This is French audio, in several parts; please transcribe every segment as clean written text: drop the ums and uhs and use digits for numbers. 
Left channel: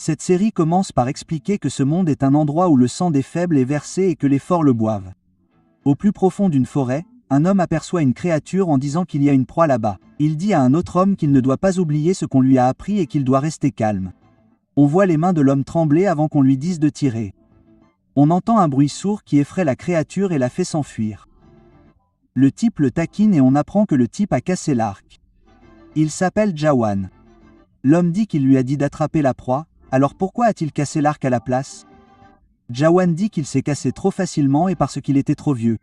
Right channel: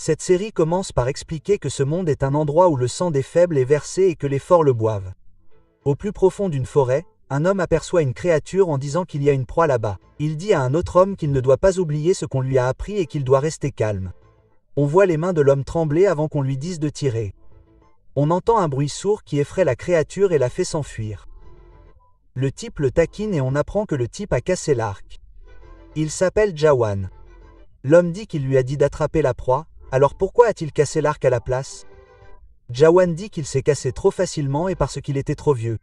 Cette série commence par expliquer que ce monde est un endroit où le sang des faibles est versé et que les forts le boivent. Au plus profond d'une forêt, un homme aperçoit une créature en disant qu'il y a une proie là-bas. Il dit à un autre homme qu'il ne doit pas oublier ce qu'on lui a appris et qu'il doit rester calme. On voit les mains de l'homme trembler avant qu'on lui dise de tirer. On entend un bruit sourd qui effraie la créature et la fait s'enfuir. Le type le taquine et on apprend que le type a cassé l'arc. Il s'appelle Jawan. L'homme dit qu'il lui a dit d'attraper la proie, alors pourquoi a-t-il cassé l'arc à la place? Jawan dit qu'il s'est cassé trop facilement et parce qu'il était trop vieux.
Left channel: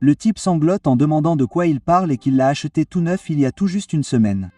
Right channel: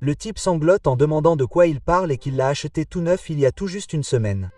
Le type sanglote en demandant de quoi il parle et qu'il l'a acheté tout neuf il y a tout juste une semaine.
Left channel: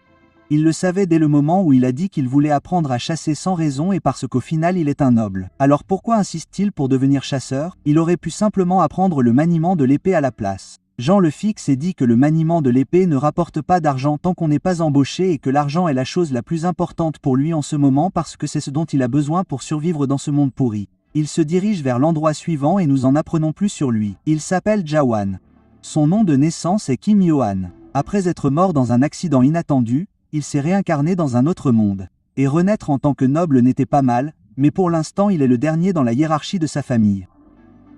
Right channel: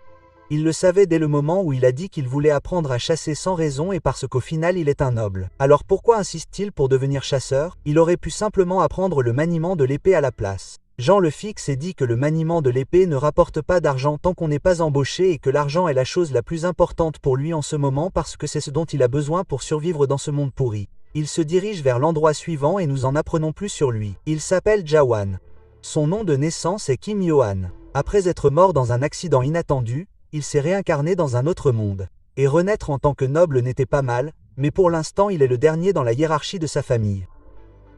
Il le savait dès le moment où il a dit qu'il voulait apprendre à chasser sans raison et parce qu'au final il est un noble. Alors pourquoi insiste-t-il pour devenir chasseur? Il aurait pu simplement apprendre le maniement de l'épée à la place. Jean le fixe et dit que le maniement de l'épée ne rapporte pas d'argent tant qu'on n'est pas embauché et que l'argent est la chose la plus importante pour lui en ce moment parce que c'est ce dont il a besoin pour survivre dans ce monde pourri. Il se dirige vers l'endroit suivant et nous en apprenons plus sur lui. Il s'appelle Jawan. Son nom de naissance est Kim Yohan. Après être mort dans un accident inattendu, il s'est réincarné dans un autre monde. Et renaître en tant que noble n'était pas mal, mais pour l'instant il est le dernier dans la hiérarchie de sa famille.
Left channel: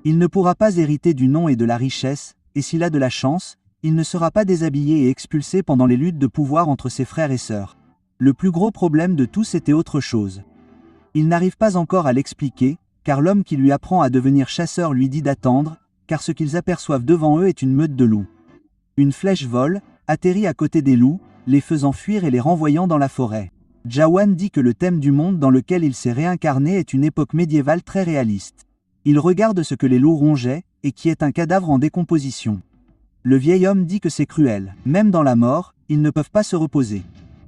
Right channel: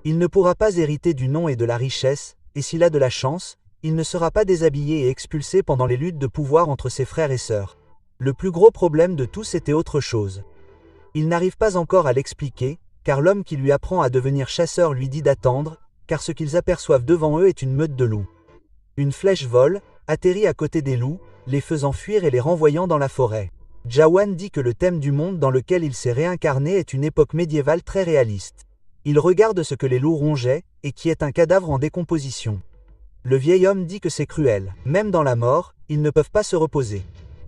Il ne pourra pas hériter du nom et de la richesse, et s'il a de la chance, il ne sera pas déshabillé et expulsé pendant les luttes de pouvoir entre ses frères et sœurs. Le plus gros problème de tous était autre chose. Il n'arrive pas encore à l'expliquer, car l'homme qui lui apprend à devenir chasseur lui dit d'attendre, car ce qu'ils aperçoivent devant eux est une meute de loups. Une flèche vole, atterrit à côté des loups, les faisant fuir et les renvoyant dans la forêt. Jawan dit que le thème du monde dans lequel il s'est réincarné est une époque médiévale très réaliste. Il regarde ce que les loups rongeaient, et qui est un cadavre en décomposition. Le vieil homme dit que c'est cruel. Même dans la mort, ils ne peuvent pas se reposer.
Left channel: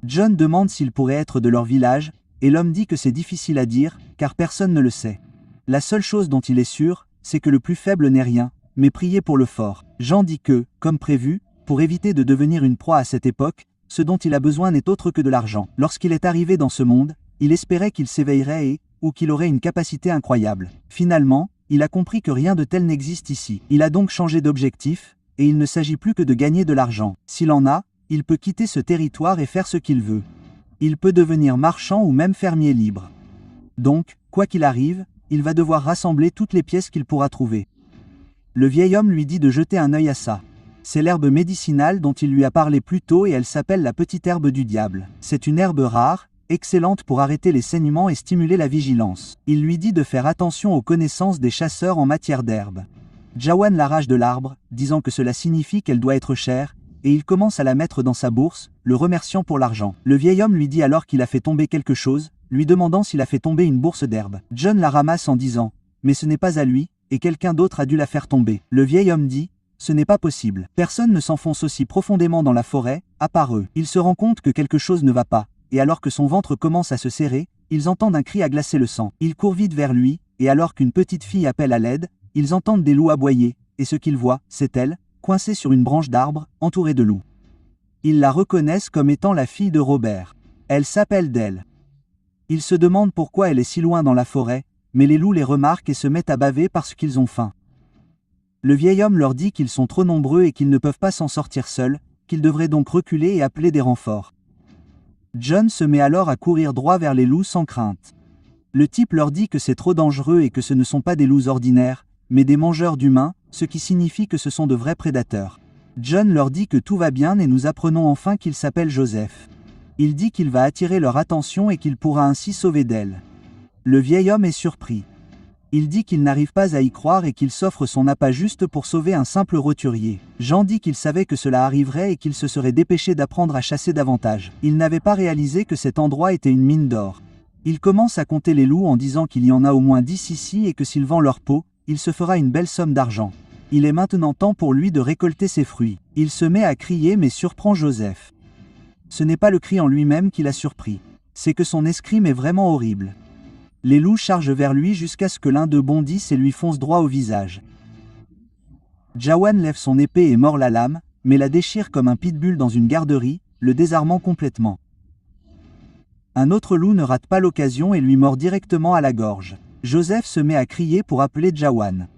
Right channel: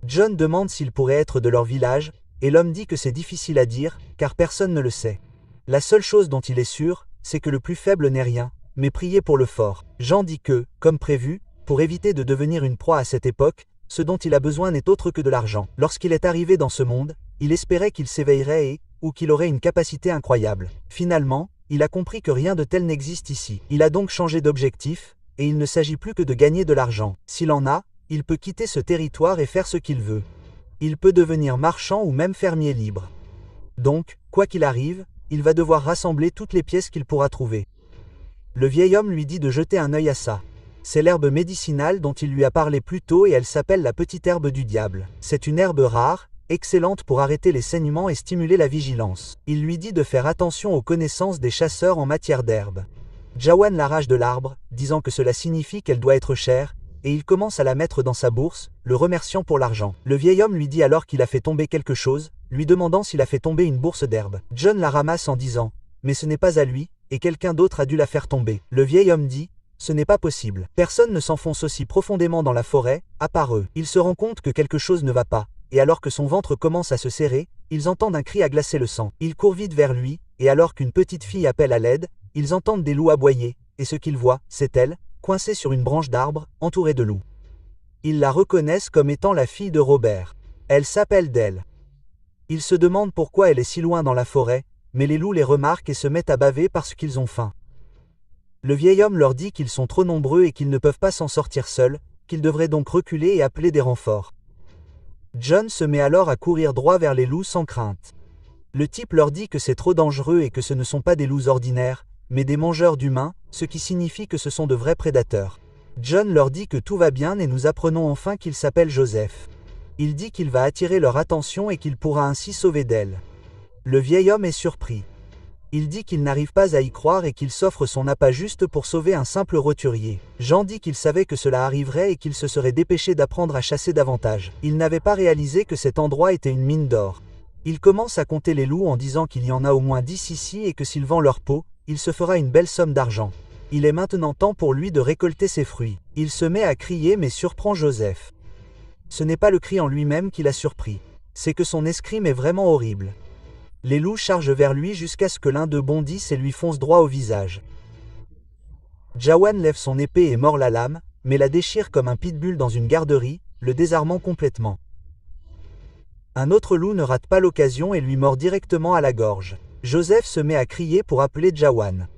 John demande s'il pourrait être de leur village, et l'homme dit que c'est difficile à dire, car personne ne le sait. La seule chose dont il est sûr, c'est que le plus faible n'est rien, mais prier pour le fort. Jean dit que, comme prévu, pour éviter de devenir une proie à cette époque, ce dont il a besoin n'est autre que de l'argent. Lorsqu'il est arrivé dans ce monde, il espérait qu'il s'éveillerait et, ou qu'il aurait une capacité incroyable. Finalement, il a compris que rien de tel n'existe ici. Il a donc changé d'objectif, et il ne s'agit plus que de gagner de l'argent. S'il en a, il peut quitter ce territoire et faire ce qu'il veut. Il peut devenir marchand ou même fermier libre. Donc, quoi qu'il arrive, il va devoir rassembler toutes les pièces qu'il pourra trouver. Le vieil homme lui dit de jeter un œil à ça. C'est l'herbe médicinale dont il lui a parlé plus tôt et elle s'appelle la petite herbe du diable. C'est une herbe rare, excellente pour arrêter les saignements et stimuler la vigilance. Il lui dit de faire attention aux connaissances des chasseurs en matière d'herbe. Jawan l'arrache de l'arbre, disant que cela signifie qu'elle doit être chère, et il commence à la mettre dans sa bourse, le remerciant pour l'argent. Le vieil homme lui dit alors qu'il a fait tomber quelque chose, lui demandant s'il a fait tomber une bourse d'herbe. John la ramasse en disant « Mais ce n'est pas à lui, et quelqu'un d'autre a dû la faire tomber. » Le vieil homme dit « Ce n'est pas possible. Personne ne s'enfonce aussi profondément dans la forêt, à part eux. » Il se rend compte que quelque chose ne va pas, et alors que son ventre commence à se serrer, ils entendent un cri à glacer le sang. Ils courent vite vers lui, et alors qu'une petite fille appelle à l'aide, ils entendent des loups aboyer, et ce qu'ils voient, c'est elle, coincée sur une branche d'arbre, entourée de loups. Ils la reconnaissent comme étant la fille de Robert. Elle s'appelle Dell. Ils se demandent pourquoi elle est si loin dans la forêt, mais les loups les remarquent et se mettent à baver parce qu'ils ont faim. Le vieil homme leur dit qu'ils sont trop nombreux et qu'ils ne peuvent pas s'en sortir seuls, qu'ils devraient donc reculer et appeler des renforts. John se met alors à courir droit vers les loups sans crainte. Le type leur dit que c'est trop dangereux et que ce ne sont pas des loups ordinaires, mais des mangeurs d'humains, ce qui signifie que ce sont de vrais prédateurs. John leur dit que tout va bien et nous apprenons enfin qu'il s'appelle Joseph. Il dit qu'il va attirer leur attention et qu'il pourra ainsi sauver d'elle. Le vieil homme est surpris. Il dit qu'il n'arrive pas à y croire et qu'il s'offre son appât juste pour sauver un simple roturier. Jean dit qu'il savait que cela arriverait et qu'il se serait dépêché d'apprendre à chasser davantage. Il n'avait pas réalisé que cet endroit était une mine d'or. Il commence à compter les loups en disant qu'il y en a au moins 10 ici et que s'il vend leur peau, il se fera une belle somme d'argent. Il est maintenant temps pour lui de récolter ses fruits. Il se met à crier mais surprend Joseph. Ce n'est pas le cri en lui-même qui l'a surpris. C'est que son escrime est vraiment horrible. Les loups chargent vers lui jusqu'à ce que l'un d'eux bondisse et lui fonce droit au visage. Jawan lève son épée et mord la lame, mais la déchire comme un pitbull dans une garderie, le désarmant complètement. Un autre loup ne rate pas l'occasion et lui mord directement à la gorge. Joseph se met à crier pour appeler Jawan.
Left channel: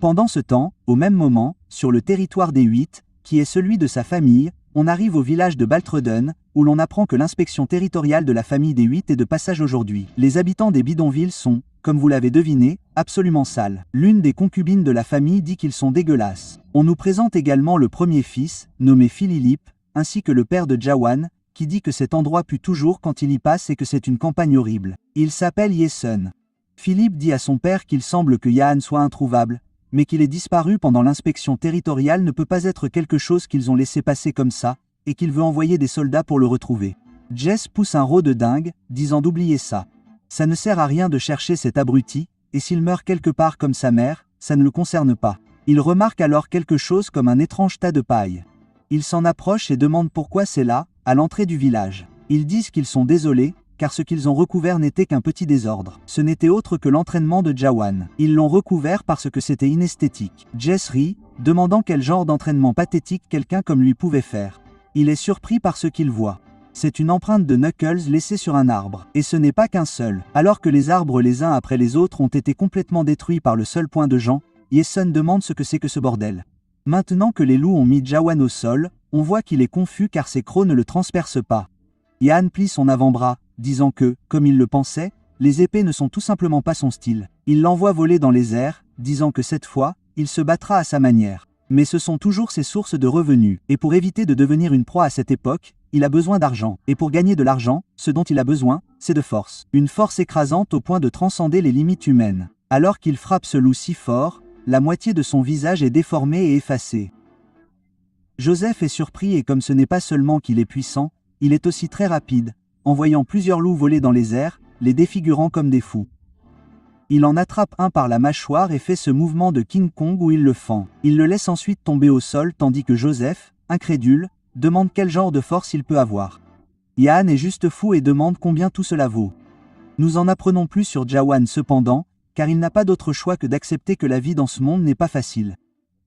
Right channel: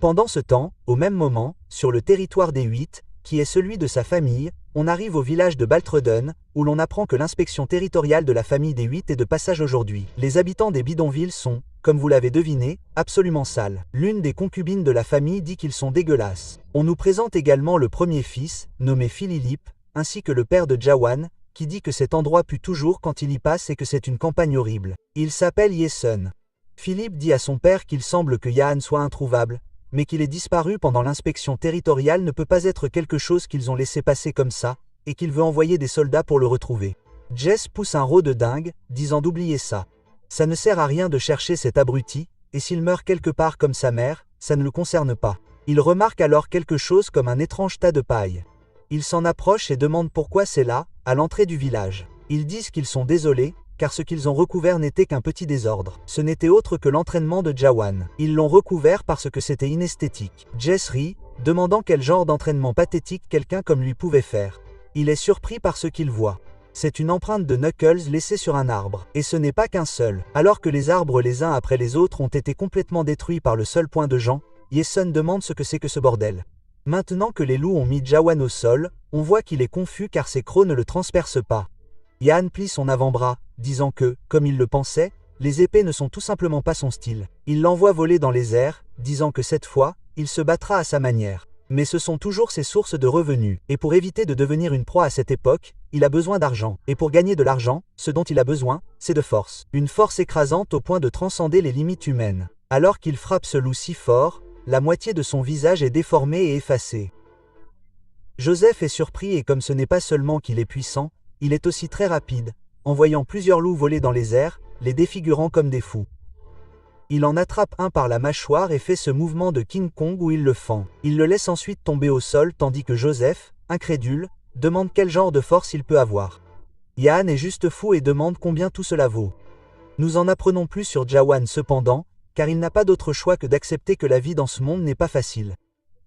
Pendant ce temps, au même moment, sur le territoire des Huit, qui est celui de sa famille, On arrive au village de Baltreden, où l'on apprend que l'inspection territoriale de la famille des 8 est de passage aujourd'hui. Les habitants des bidonvilles sont, comme vous l'avez deviné, absolument sales. L'une des concubines de la famille dit qu'ils sont dégueulasses. On nous présente également le premier fils, nommé Phililip, ainsi que le père de Jawan, qui dit que cet endroit pue toujours quand il y passe et que c'est une campagne horrible. Il s'appelle Yesun. Philippe dit à son père qu'il semble que Yahan soit introuvable, mais qu'il est disparu pendant l'inspection territoriale ne peut pas être quelque chose qu'ils ont laissé passer comme ça, et qu'il veut envoyer des soldats pour le retrouver. Jess pousse un rot de dingue, disant d'oublier ça. Ça ne sert à rien de chercher cet abruti, et s'il meurt quelque part comme sa mère, ça ne le concerne pas. Il remarque alors quelque chose comme un étrange tas de paille. Il s'en approche et demande pourquoi c'est là, à l'entrée du village. Ils disent qu'ils sont désolés, car ce qu'ils ont recouvert n'était qu'un petit désordre. Ce n'était autre que l'entraînement de Jawan. Ils l'ont recouvert parce que c'était inesthétique. Jess rit, demandant quel genre d'entraînement pathétique quelqu'un comme lui pouvait faire. Il est surpris par ce qu'il voit. C'est une empreinte de Knuckles laissée sur un arbre. Et ce n'est pas qu'un seul. Alors que les arbres les uns après les autres ont été complètement détruits par le seul point de Jean, Yesun demande ce que c'est que ce bordel. Maintenant que les loups ont mis Jawan au sol, on voit qu'il est confus car ses crocs ne le transpercent pas. Yahan plie son avant-bras, disant que, comme il le pensait, les épées ne sont tout simplement pas son style. Il l'envoie voler dans les airs, disant que cette fois, il se battra à sa manière. Mais ce sont toujours ses sources de revenus, et pour éviter de devenir une proie à cette époque, il a besoin d'argent. Et pour gagner de l'argent, ce dont il a besoin, c'est de force. Une force écrasante au point de transcender les limites humaines. Alors qu'il frappe ce loup si fort, la moitié de son visage est déformée et effacée. Joseph est surpris et comme ce n'est pas seulement qu'il est puissant, il est aussi très rapide, en voyant plusieurs loups voler dans les airs, les défigurant comme des fous. Il en attrape un par la mâchoire et fait ce mouvement de King Kong où il le fend. Il le laisse ensuite tomber au sol tandis que Joseph, incrédule, demande quel genre de force il peut avoir. Yahan est juste fou et demande combien tout cela vaut. Nous en apprenons plus sur Jawan cependant, car il n'a pas d'autre choix que d'accepter que la vie dans ce monde n'est pas facile.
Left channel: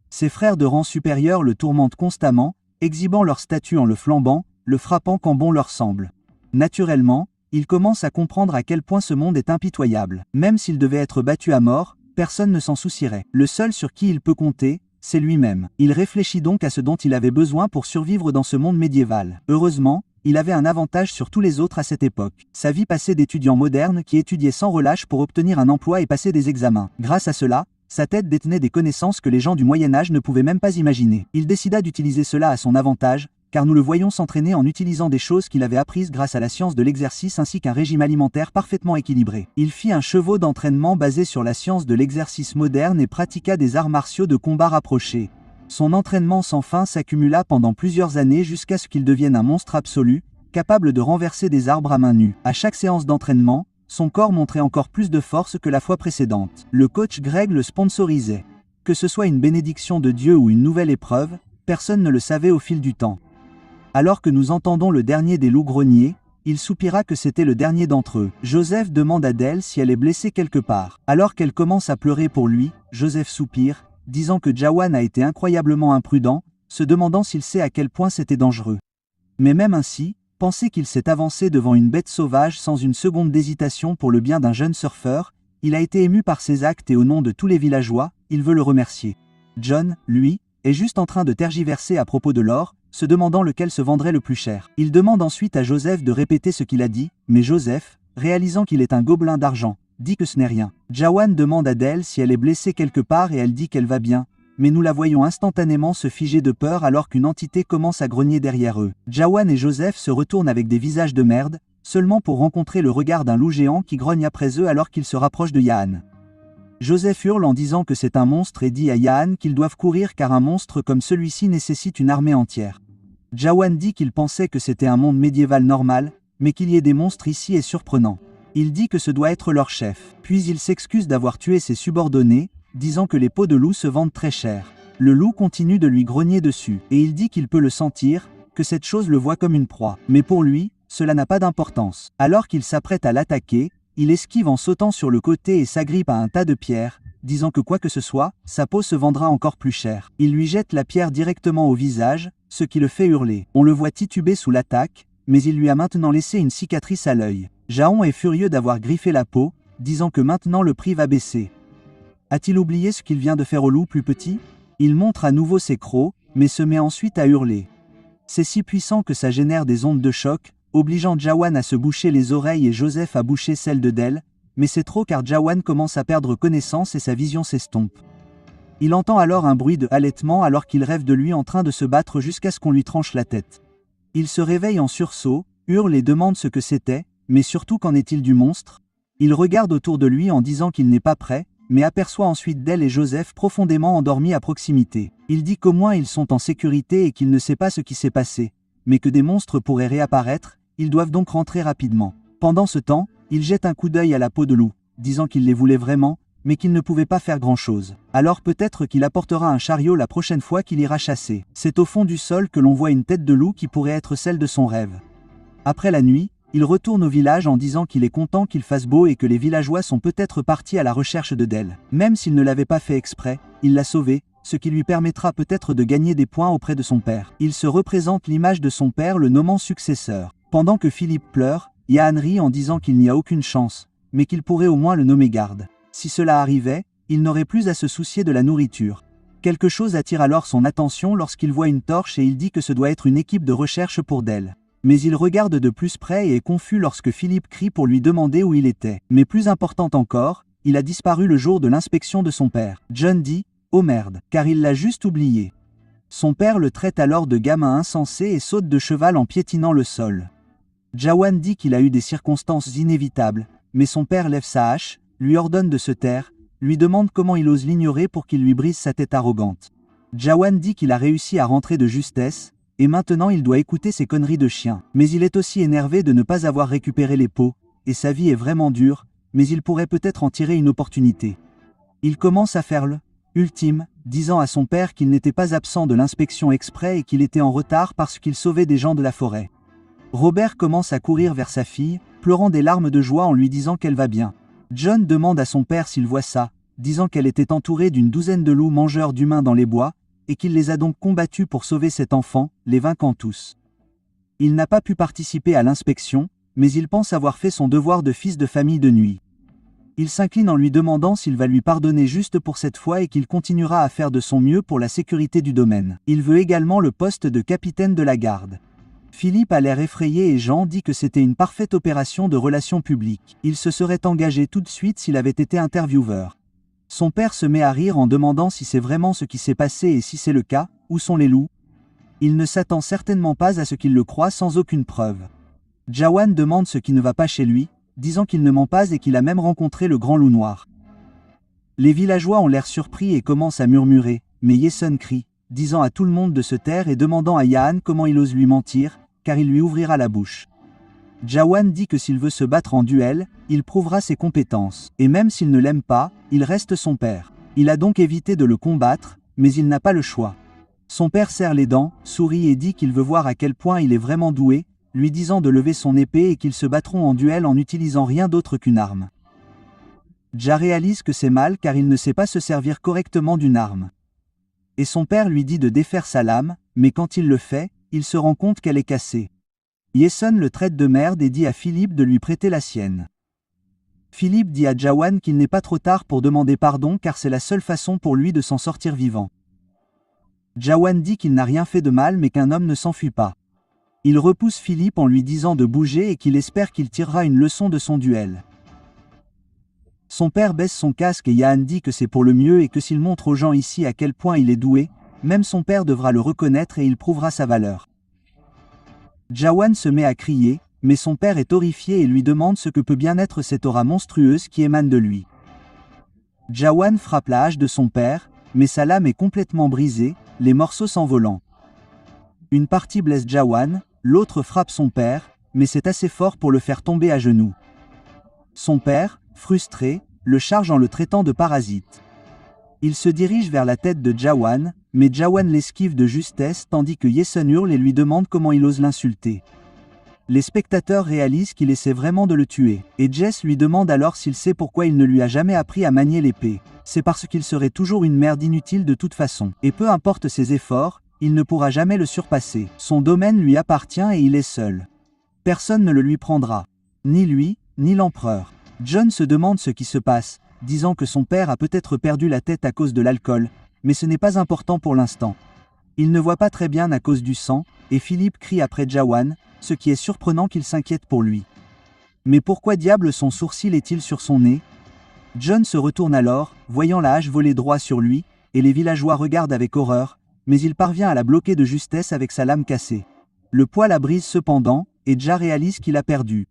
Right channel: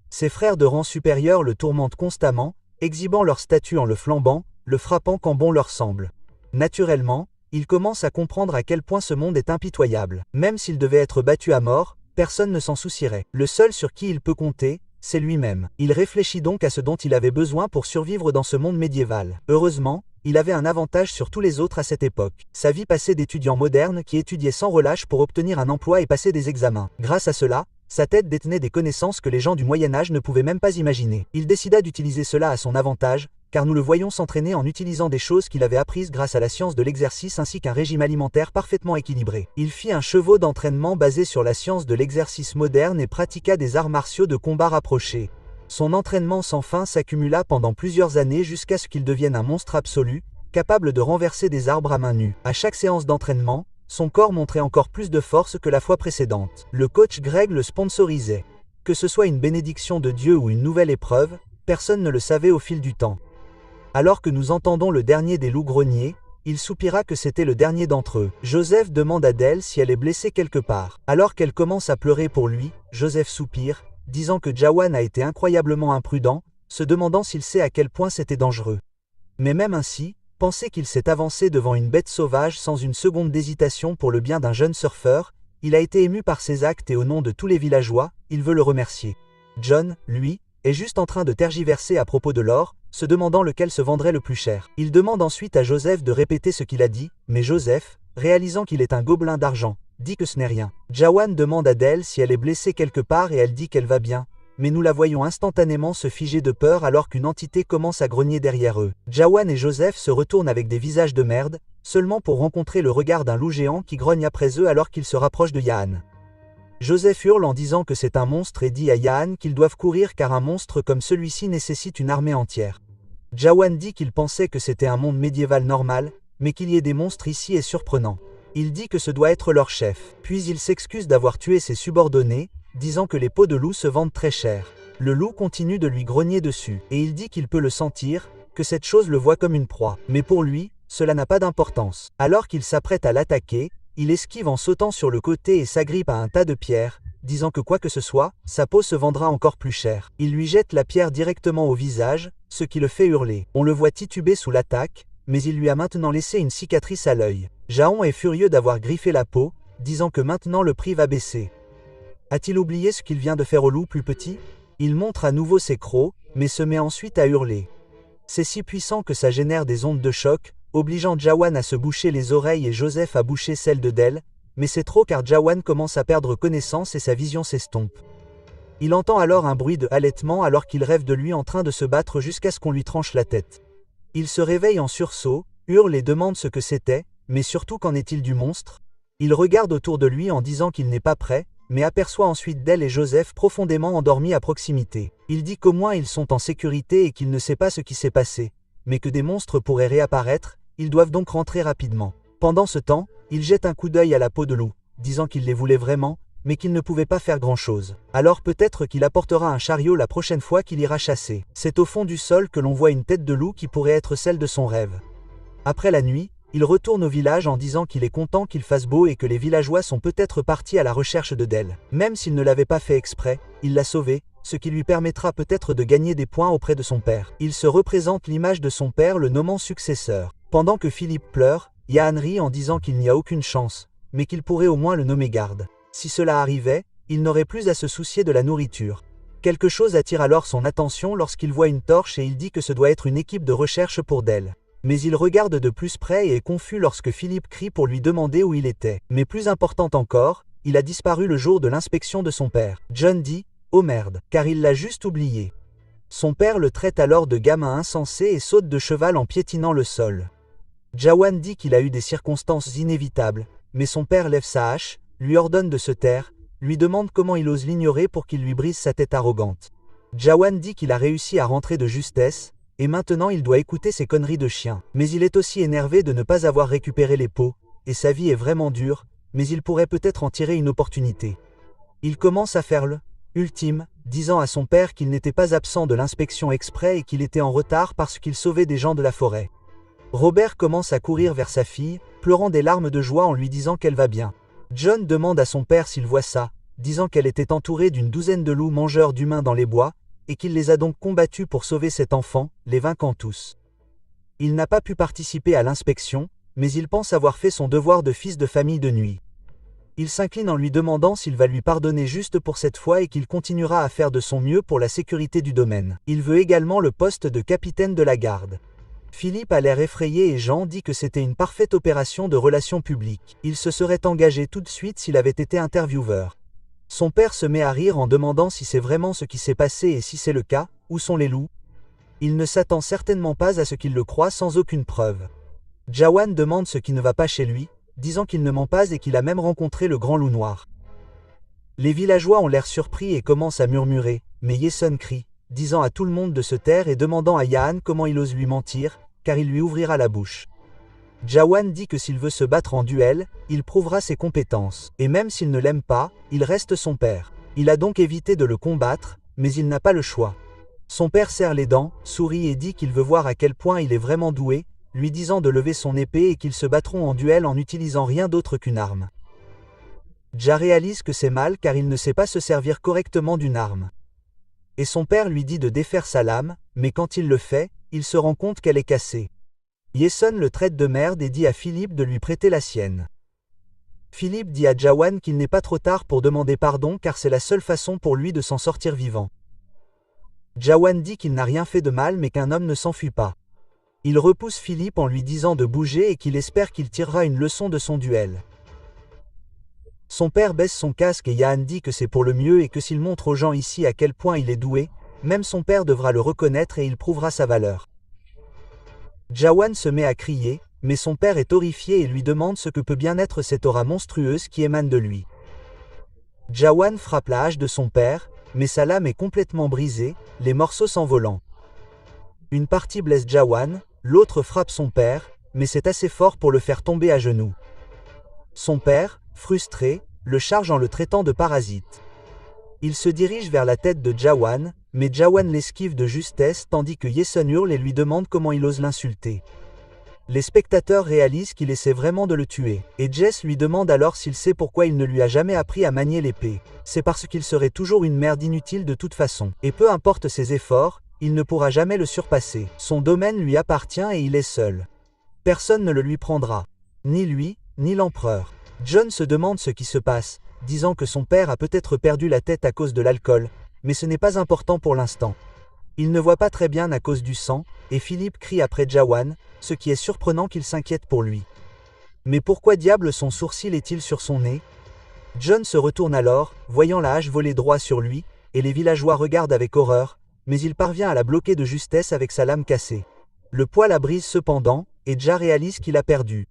Ses frères de rang supérieur le tourmentent constamment, exhibant leur statut en le flambant, le frappant quand bon leur semble. Naturellement, il commence à comprendre à quel point ce monde est impitoyable. Même s'il devait être battu à mort, personne ne s'en soucierait. Le seul sur qui il peut compter, c'est lui-même. Il réfléchit donc à ce dont il avait besoin pour survivre dans ce monde médiéval. Heureusement, il avait un avantage sur tous les autres à cette époque. Sa vie passée d'étudiant moderne qui étudiait sans relâche pour obtenir un emploi et passer des examens. Grâce à cela, sa tête détenait des connaissances que les gens du Moyen-Âge ne pouvaient même pas imaginer. Il décida d'utiliser cela à son avantage, car nous le voyons s'entraîner en utilisant des choses qu'il avait apprises grâce à la science de l'exercice ainsi qu'un régime alimentaire parfaitement équilibré. Il fit un chevaux d'entraînement basé sur la science de l'exercice moderne et pratiqua des arts martiaux de combat rapprochés. Son entraînement sans fin s'accumula pendant plusieurs années jusqu'à ce qu'il devienne un monstre absolu, capable de renverser des arbres à main nue. À chaque séance d'entraînement, son corps montrait encore plus de force que la fois précédente. Le coach Greg le sponsorisait. Que ce soit une bénédiction de Dieu ou une nouvelle épreuve, personne ne le savait au fil du temps. Alors que nous entendons le dernier des loups-greniers, il soupira que c'était le dernier d'entre eux. Joseph demande à Dell si elle est blessée quelque part. Alors qu'elle commence à pleurer pour lui, Joseph soupire, disant que Jawan a été incroyablement imprudent, se demandant s'il sait à quel point c'était dangereux. Mais même ainsi, penser qu'il s'est avancé devant une bête sauvage sans une seconde d'hésitation pour le bien d'un jeune surfeur, il a été ému par ses actes et au nom de tous les villageois, il veut le remercier. John, lui, est juste en train de tergiverser à propos de l'or, se demandant lequel se vendrait le plus cher. Il demande ensuite à Joseph de répéter ce qu'il a dit, mais Joseph, réalisant qu'il est un gobelin d'argent, dit que ce n'est rien. Jawan demande à Dell si elle est blessée quelque part et elle dit qu'elle va bien, mais nous la voyons instantanément se figer de peur alors qu'une entité commence à grogner derrière eux. Jawan et Joseph se retournent avec des visages de merde, seulement pour rencontrer le regard d'un loup géant qui grogne après eux alors qu'ils se rapprochent de Yahan. Joseph hurle en disant que c'est un monstre et dit à Yahan qu'ils doivent courir car un monstre comme celui-ci nécessite une armée entière. Jawan dit qu'il pensait que c'était un monde médiéval normal, mais qu'il y ait des monstres ici est surprenant. Il dit que ce doit être leur chef. Puis il s'excuse d'avoir tué ses subordonnés, disant que les peaux de loup se vendent très cher. Le loup continue de lui grogner dessus, et il dit qu'il peut le sentir, que cette chose le voit comme une proie. Mais pour lui, cela n'a pas d'importance. Alors qu'il s'apprête à l'attaquer, il esquive en sautant sur le côté et s'agrippe à un tas de pierres, disant que quoi que ce soit, sa peau se vendra encore plus cher. Il lui jette la pierre directement au visage, ce qui le fait hurler. On le voit tituber sous l'attaque, mais il lui a maintenant laissé une cicatrice à l'œil. Jaon est furieux d'avoir griffé la peau, disant que maintenant le prix va baisser. A-t-il oublié ce qu'il vient de faire au loup plus petit? Il montre à nouveau ses crocs, mais se met ensuite à hurler. C'est si puissant que ça génère des ondes de choc, obligeant Jawan à se boucher les oreilles et Joseph à boucher celles de Del, mais c'est trop car Jawan commence à perdre connaissance et sa vision s'estompe. Il entend alors un bruit de halètement alors qu'il rêve de lui en train de se battre jusqu'à ce qu'on lui tranche la tête. Il se réveille en sursaut, hurle et demande ce que c'était, mais surtout qu'en est-il du monstre? Il regarde autour de lui en disant qu'il n'est pas prêt, mais aperçoit ensuite Del et Joseph profondément endormis à proximité. Il dit qu'au moins ils sont en sécurité et qu'il ne sait pas ce qui s'est passé, mais que des monstres pourraient réapparaître, ils doivent donc rentrer rapidement. Pendant ce temps, il jette un coup d'œil à la peau de loup, disant qu'il les voulait vraiment, mais qu'il ne pouvait pas faire grand-chose. Alors peut-être qu'il apportera un chariot la prochaine fois qu'il ira chasser. C'est au fond du sol que l'on voit une tête de loup qui pourrait être celle de son rêve. Après la nuit, il retourne au village en disant qu'il est content qu'il fasse beau et que les villageois sont peut-être partis à la recherche de Del. Même s'il ne l'avait pas fait exprès, il l'a sauvé, ce qui lui permettra peut-être de gagner des points auprès de son père. Il se représente l'image de son père le nommant successeur. Pendant que Philippe pleure, Yahan rit en disant qu'il n'y a aucune chance, mais qu'il pourrait au moins le nommer garde. Si cela arrivait, il n'aurait plus à se soucier de la nourriture. Quelque chose attire alors son attention lorsqu'il voit une torche et il dit que ce doit être une équipe de recherche pour Del. Mais il regarde de plus près et est confus lorsque Philippe crie pour lui demander où il était. Mais plus important encore, il a disparu le jour de l'inspection de son père. John dit « Oh merde », car il l'a juste oublié. Son père le traite alors de gamin insensé et saute de cheval en piétinant le sol. Jawan dit qu'il a eu des circonstances inévitables, mais son père lève sa hache, lui ordonne de se taire, lui demande comment il ose l'ignorer pour qu'il lui brise sa tête arrogante. Jawan dit qu'il a réussi à rentrer de justesse, et maintenant il doit écouter ses conneries de chien. Mais il est aussi énervé de ne pas avoir récupéré les pots, et sa vie est vraiment dure, mais il pourrait peut-être en tirer une opportunité. Il commence à faire le ultime, disant à son père qu'il n'était pas absent de l'inspection exprès et qu'il était en retard parce qu'il sauvait des gens de la forêt. Robert commence à courir vers sa fille, pleurant des larmes de joie en lui disant qu'elle va bien. John demande à son père s'il voit ça, disant qu'elle était entourée d'une douzaine de loups mangeurs d'humains dans les bois, et qu'il les a donc combattus pour sauver cet enfant, les vainquant tous. Il n'a pas pu participer à l'inspection, mais il pense avoir fait son devoir de fils de famille de nuit. Il s'incline en lui demandant s'il va lui pardonner juste pour cette fois et qu'il continuera à faire de son mieux pour la sécurité du domaine. Il veut également le poste de capitaine de la garde. Philippe a l'air effrayé et Jean dit que c'était une parfaite opération de relations publiques. Il se serait engagé tout de suite s'il avait été intervieweur. Son père se met à rire en demandant si c'est vraiment ce qui s'est passé et si c'est le cas, où sont les loups? Il ne s'attend certainement pas à ce qu'il le croie sans aucune preuve. Jawan demande ce qui ne va pas chez lui, disant qu'il ne ment pas et qu'il a même rencontré le grand loup noir. Les villageois ont l'air surpris et commencent à murmurer, mais Yeson crie, disant à tout le monde de se taire et demandant à Yahan comment il ose lui mentir, car il lui ouvrira la bouche. Jawan dit que s'il veut se battre en duel, il prouvera ses compétences, et même s'il ne l'aime pas, il reste son père. Il a donc évité de le combattre, mais il n'a pas le choix. Son père serre les dents, sourit et dit qu'il veut voir à quel point il est vraiment doué, lui disant de lever son épée et qu'ils se battront en duel en n'utilisant rien d'autre qu'une arme. Ja réalise que c'est mal car il ne sait pas se servir correctement d'une arme. Et son père lui dit de défaire sa lame, mais quand il le fait, il se rend compte qu'elle est cassée. Yeson le traite de merde et dit à Philippe de lui prêter la sienne. Philippe dit à Jawan qu'il n'est pas trop tard pour demander pardon car c'est la seule façon pour lui de s'en sortir vivant. Jawan dit qu'il n'a rien fait de mal mais qu'un homme ne s'enfuit pas. Il repousse Philippe en lui disant de bouger et qu'il espère qu'il tirera une leçon de son duel. Son père baisse son casque et Yahan dit que c'est pour le mieux et que s'il montre aux gens ici à quel point il est doué, même son père devra le reconnaître et il prouvera sa valeur. Jawan se met à crier, mais son père est horrifié et lui demande ce que peut bien être cette aura monstrueuse qui émane de lui. Jawan frappe la hache de son père, mais sa lame est complètement brisée, les morceaux s'envolant. Une partie blesse Jawan, l'autre frappe son père, mais c'est assez fort pour le faire tomber à genoux. Son père, frustré, le charge en le traitant de parasite. Il se dirige vers la tête de Jawan, mais Jawan l'esquive de justesse tandis que Yeson hurle et lui demande comment il ose l'insulter. Les spectateurs réalisent qu'il essaie vraiment de le tuer, et Jess lui demande alors s'il sait pourquoi il ne lui a jamais appris à manier l'épée. C'est parce qu'il serait toujours une merde inutile de toute façon, et peu importe ses efforts, il ne pourra jamais le surpasser. Son domaine lui appartient et il est seul. Personne ne le lui prendra. Ni lui, ni l'empereur. John se demande ce qui se passe, disant que son père a peut-être perdu la tête à cause de l'alcool, mais ce n'est pas important pour l'instant. Il ne voit pas très bien à cause du sang, et Philippe crie après Jawan, ce qui est surprenant qu'il s'inquiète pour lui. Mais pourquoi diable son sourcil est-il sur son nez? John se retourne alors, voyant la hache voler droit sur lui, et les villageois regardent avec horreur, mais il parvient à la bloquer de justesse avec sa lame cassée. Le poids la brise cependant, et Ja réalise qu'il a perdu.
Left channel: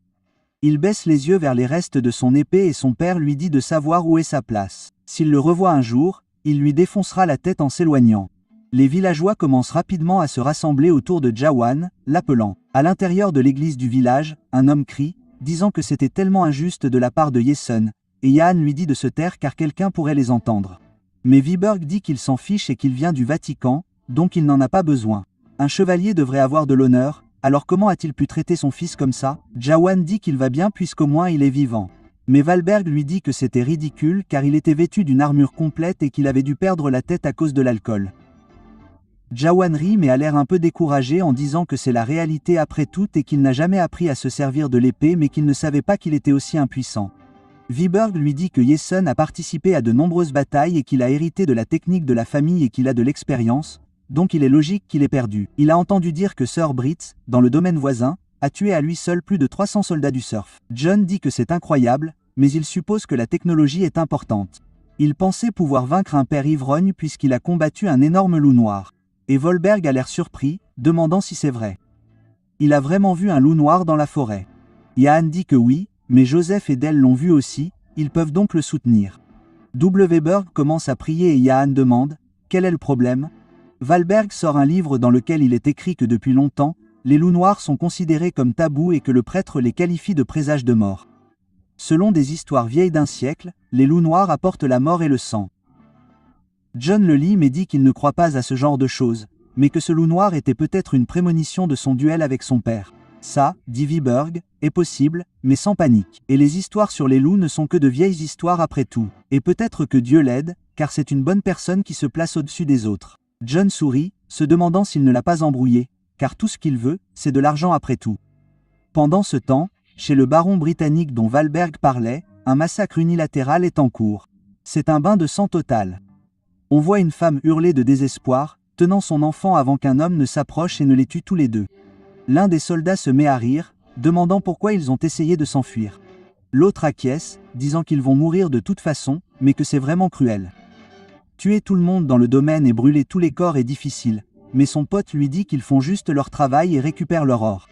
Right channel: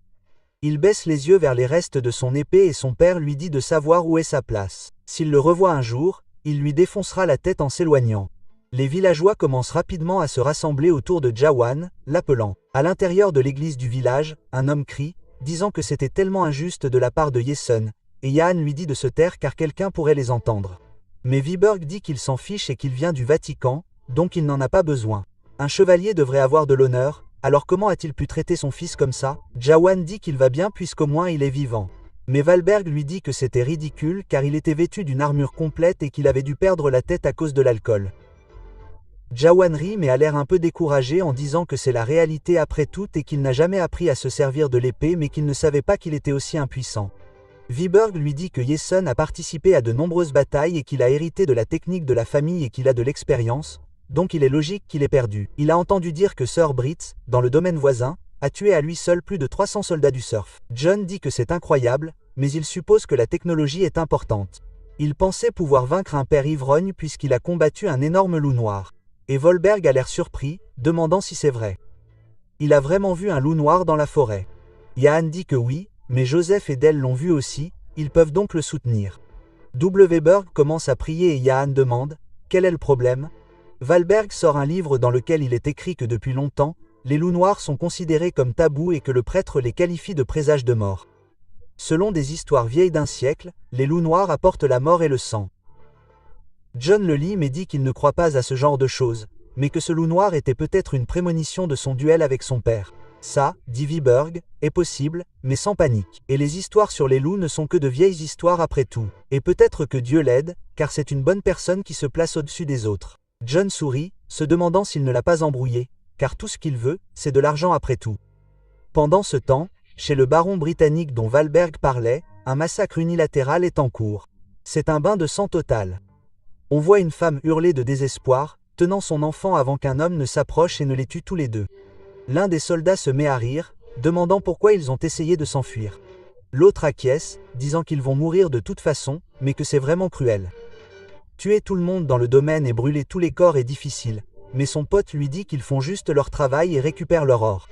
Il baisse les yeux vers les restes de son épée et son père lui dit de savoir où est sa place. S'il le revoit un jour, il lui défoncera la tête en s'éloignant. Les villageois commencent rapidement à se rassembler autour de Jawan, l'appelant. À l'intérieur de l'église du village, un homme crie, disant que c'était tellement injuste de la part de Yeson, et Yaan lui dit de se taire car quelqu'un pourrait les entendre. Mais Viborg dit qu'il s'en fiche et qu'il vient du Vatican, donc il n'en a pas besoin. Un chevalier devrait avoir de l'honneur, alors comment a-t-il pu traiter son fils comme ça? Jawan dit qu'il va bien puisqu'au moins il est vivant. Mais Valberg lui dit que c'était ridicule car il était vêtu d'une armure complète et qu'il avait dû perdre la tête à cause de l'alcool. Jawan rit mais a l'air un peu découragé en disant que c'est la réalité après tout et qu'il n'a jamais appris à se servir de l'épée mais qu'il ne savait pas qu'il était aussi impuissant. Viborg lui dit que Yeson a participé à de nombreuses batailles et qu'il a hérité de la technique de la famille et qu'il a de l'expérience, donc il est logique qu'il ait perdu. Il a entendu dire que Sir Britz, dans le domaine voisin, a tué à lui seul plus de 300 soldats du surf. John dit que c'est incroyable, mais il suppose que la technologie est importante. Il pensait pouvoir vaincre un père ivrogne puisqu'il a combattu un énorme loup noir. Et Volberg a l'air surpris, demandant si c'est vrai. Il a vraiment vu un loup noir dans la forêt. Yaan dit que oui, mais Joseph et Del l'ont vu aussi, ils peuvent donc le soutenir. Weberg commence à prier et Yaan demande « Quel est le problème ?» Valberg sort un livre dans lequel il est écrit que depuis longtemps, les loups noirs sont considérés comme tabous et que le prêtre les qualifie de présages de mort. Selon des histoires vieilles d'un siècle, les loups noirs apportent la mort et le sang. John le lit mais dit qu'il ne croit pas à ce genre de choses, mais que ce loup noir était peut-être une prémonition de son duel avec son père. Ça, dit Viborg, est possible, mais sans panique. Et les histoires sur les loups ne sont que de vieilles histoires après tout. Et peut-être que Dieu l'aide, car c'est une bonne personne qui se place au-dessus des autres. John sourit, se demandant s'il ne l'a pas embrouillé, car tout ce qu'il veut, c'est de l'argent après tout. Pendant ce temps, chez le baron britannique dont Valberg parlait, un massacre unilatéral est en cours. C'est un bain de sang total. On voit une femme hurler de désespoir, tenant son enfant avant qu'un homme ne s'approche et ne les tue tous les deux. L'un des soldats se met à rire, demandant pourquoi ils ont essayé de s'enfuir. L'autre acquiesce, disant qu'ils vont mourir de toute façon, mais que c'est vraiment cruel. Tuer tout le monde dans le domaine et brûler tous les corps est difficile, mais son pote lui dit qu'ils font juste leur travail et récupèrent leur or.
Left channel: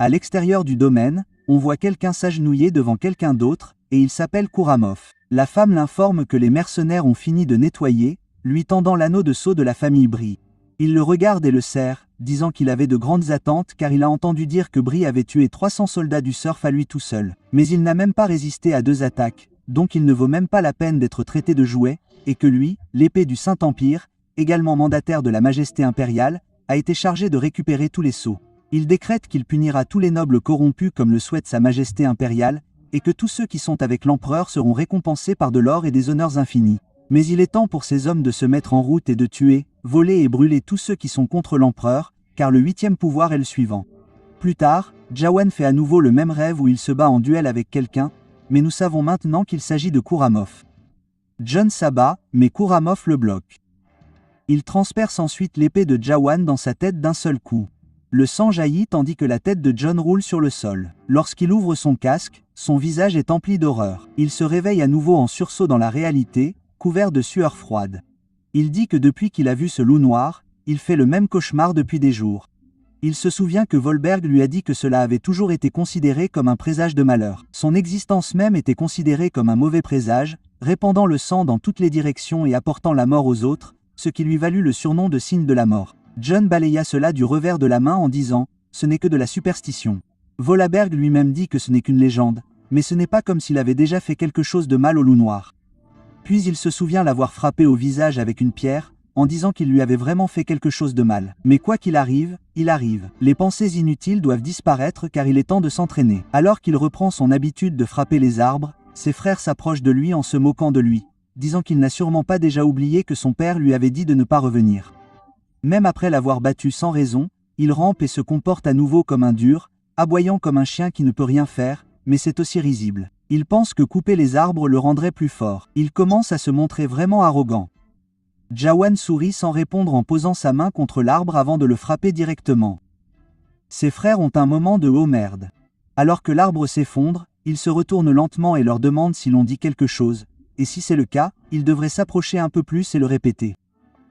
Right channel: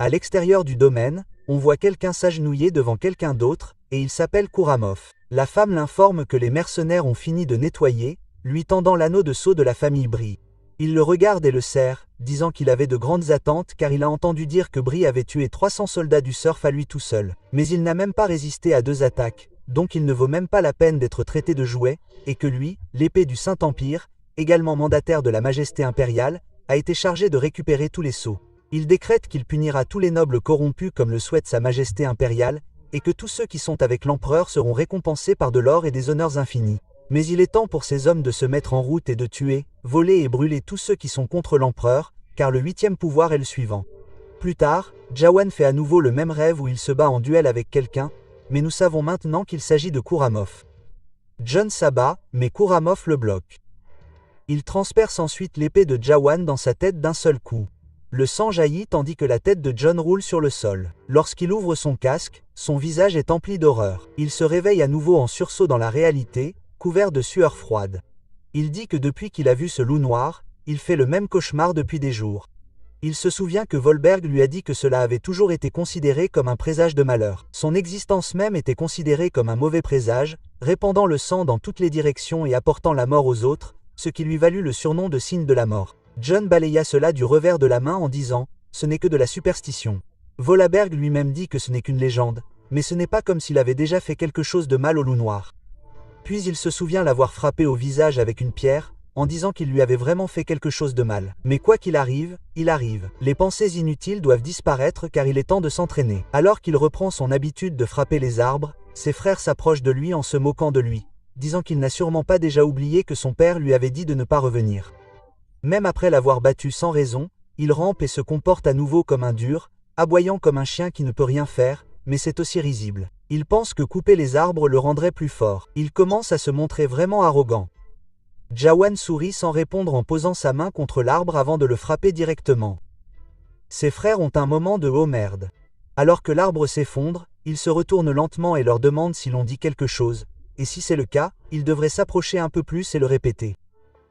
À l'extérieur du domaine, on voit quelqu'un s'agenouiller devant quelqu'un d'autre, et il s'appelle Kuramov. La femme l'informe que les mercenaires ont fini de nettoyer, lui tendant l'anneau de sceau de la famille Brie. Il le regarde et le serre, disant qu'il avait de grandes attentes car il a entendu dire que Brie avait tué 300 soldats du surf à lui tout seul. Mais il n'a même pas résisté à 2 attaques, donc il ne vaut même pas la peine d'être traité de jouet, et que lui, l'épée du Saint-Empire, également mandataire de la Majesté impériale, a été chargé de récupérer tous les sceaux. Il décrète qu'il punira tous les nobles corrompus comme le souhaite sa Majesté impériale, et que tous ceux qui sont avec l'empereur seront récompensés par de l'or et des honneurs infinis. Mais il est temps pour ces hommes de se mettre en route et de tuer, voler et brûler tous ceux qui sont contre l'empereur, car le 8e pouvoir est le suivant. Plus tard, Jawan fait à nouveau le même rêve où il se bat en duel avec quelqu'un, mais nous savons maintenant qu'il s'agit de Kuramov. John s'abat, mais Kuramov le bloque. Il transperce ensuite l'épée de Jawan dans sa tête d'un seul coup. Le sang jaillit tandis que la tête de John roule sur le sol. Lorsqu'il ouvre son casque, son visage est empli d'horreur. Il se réveille à nouveau en sursaut dans la réalité, couvert de sueur froide. Il dit que depuis qu'il a vu ce loup noir, il fait le même cauchemar depuis des jours. Il se souvient que Volberg lui a dit que cela avait toujours été considéré comme un présage de malheur. Son existence même était considérée comme un mauvais présage, répandant le sang dans toutes les directions et apportant la mort aux autres, ce qui lui valut le surnom de signe de la mort. John balaya cela du revers de la main en disant « Ce n'est que de la superstition ». Volaberg lui-même dit que ce n'est qu'une légende, mais ce n'est pas comme s'il avait déjà fait quelque chose de mal au loup noir. Puis il se souvient l'avoir frappé au visage avec une pierre, en disant qu'il lui avait vraiment fait quelque chose de mal. Mais quoi qu'il arrive, il arrive. Les pensées inutiles doivent disparaître car il est temps de s'entraîner. Alors qu'il reprend son habitude de frapper les arbres, ses frères s'approchent de lui en se moquant de lui, disant qu'il n'a sûrement pas déjà oublié que son père lui avait dit de ne pas revenir. Même après l'avoir battu sans raison, il rampe et se comporte à nouveau comme un dur, aboyant comme un chien qui ne peut rien faire, mais c'est aussi risible. Il pense que couper les arbres le rendrait plus fort. Il commence à se montrer vraiment arrogant. Jawan sourit sans répondre en posant sa main contre l'arbre avant de le frapper directement. Ses frères ont un moment de « oh merde ». Alors que l'arbre s'effondre, ils se retournent lentement et leur demandent s'ils ont dit quelque chose, et si c'est le cas, ils devraient s'approcher un peu plus et le répéter.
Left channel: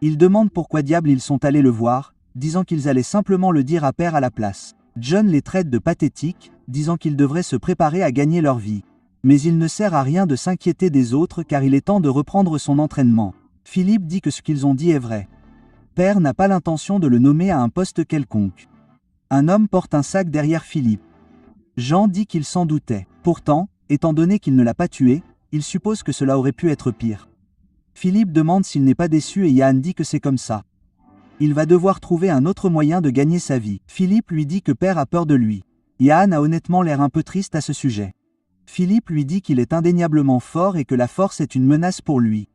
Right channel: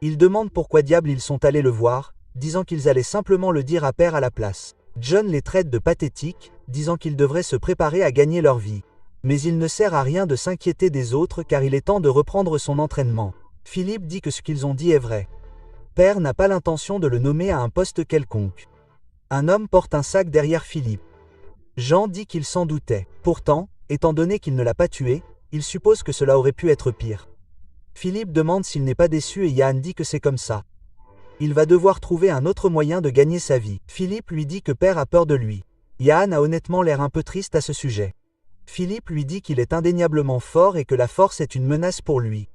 Ils demandent pourquoi diable ils sont allés le voir, disant qu'ils allaient simplement le dire à Père à la place. John les traite de pathétiques, disant qu'ils devraient se préparer à gagner leur vie. Mais il ne sert à rien de s'inquiéter des autres car il est temps de reprendre son entraînement. Philippe dit que ce qu'ils ont dit est vrai. Père n'a pas l'intention de le nommer à un poste quelconque. Un homme porte un sac derrière Philippe. Jean dit qu'il s'en doutait. Pourtant, étant donné qu'il ne l'a pas tué, il suppose que cela aurait pu être pire. Philippe demande s'il n'est pas déçu et Yann dit que c'est comme ça. Il va devoir trouver un autre moyen de gagner sa vie. Philippe lui dit que Père a peur de lui. Yann a honnêtement l'air un peu triste à ce sujet. Philippe lui dit qu'il est indéniablement fort et que la force est une menace pour lui.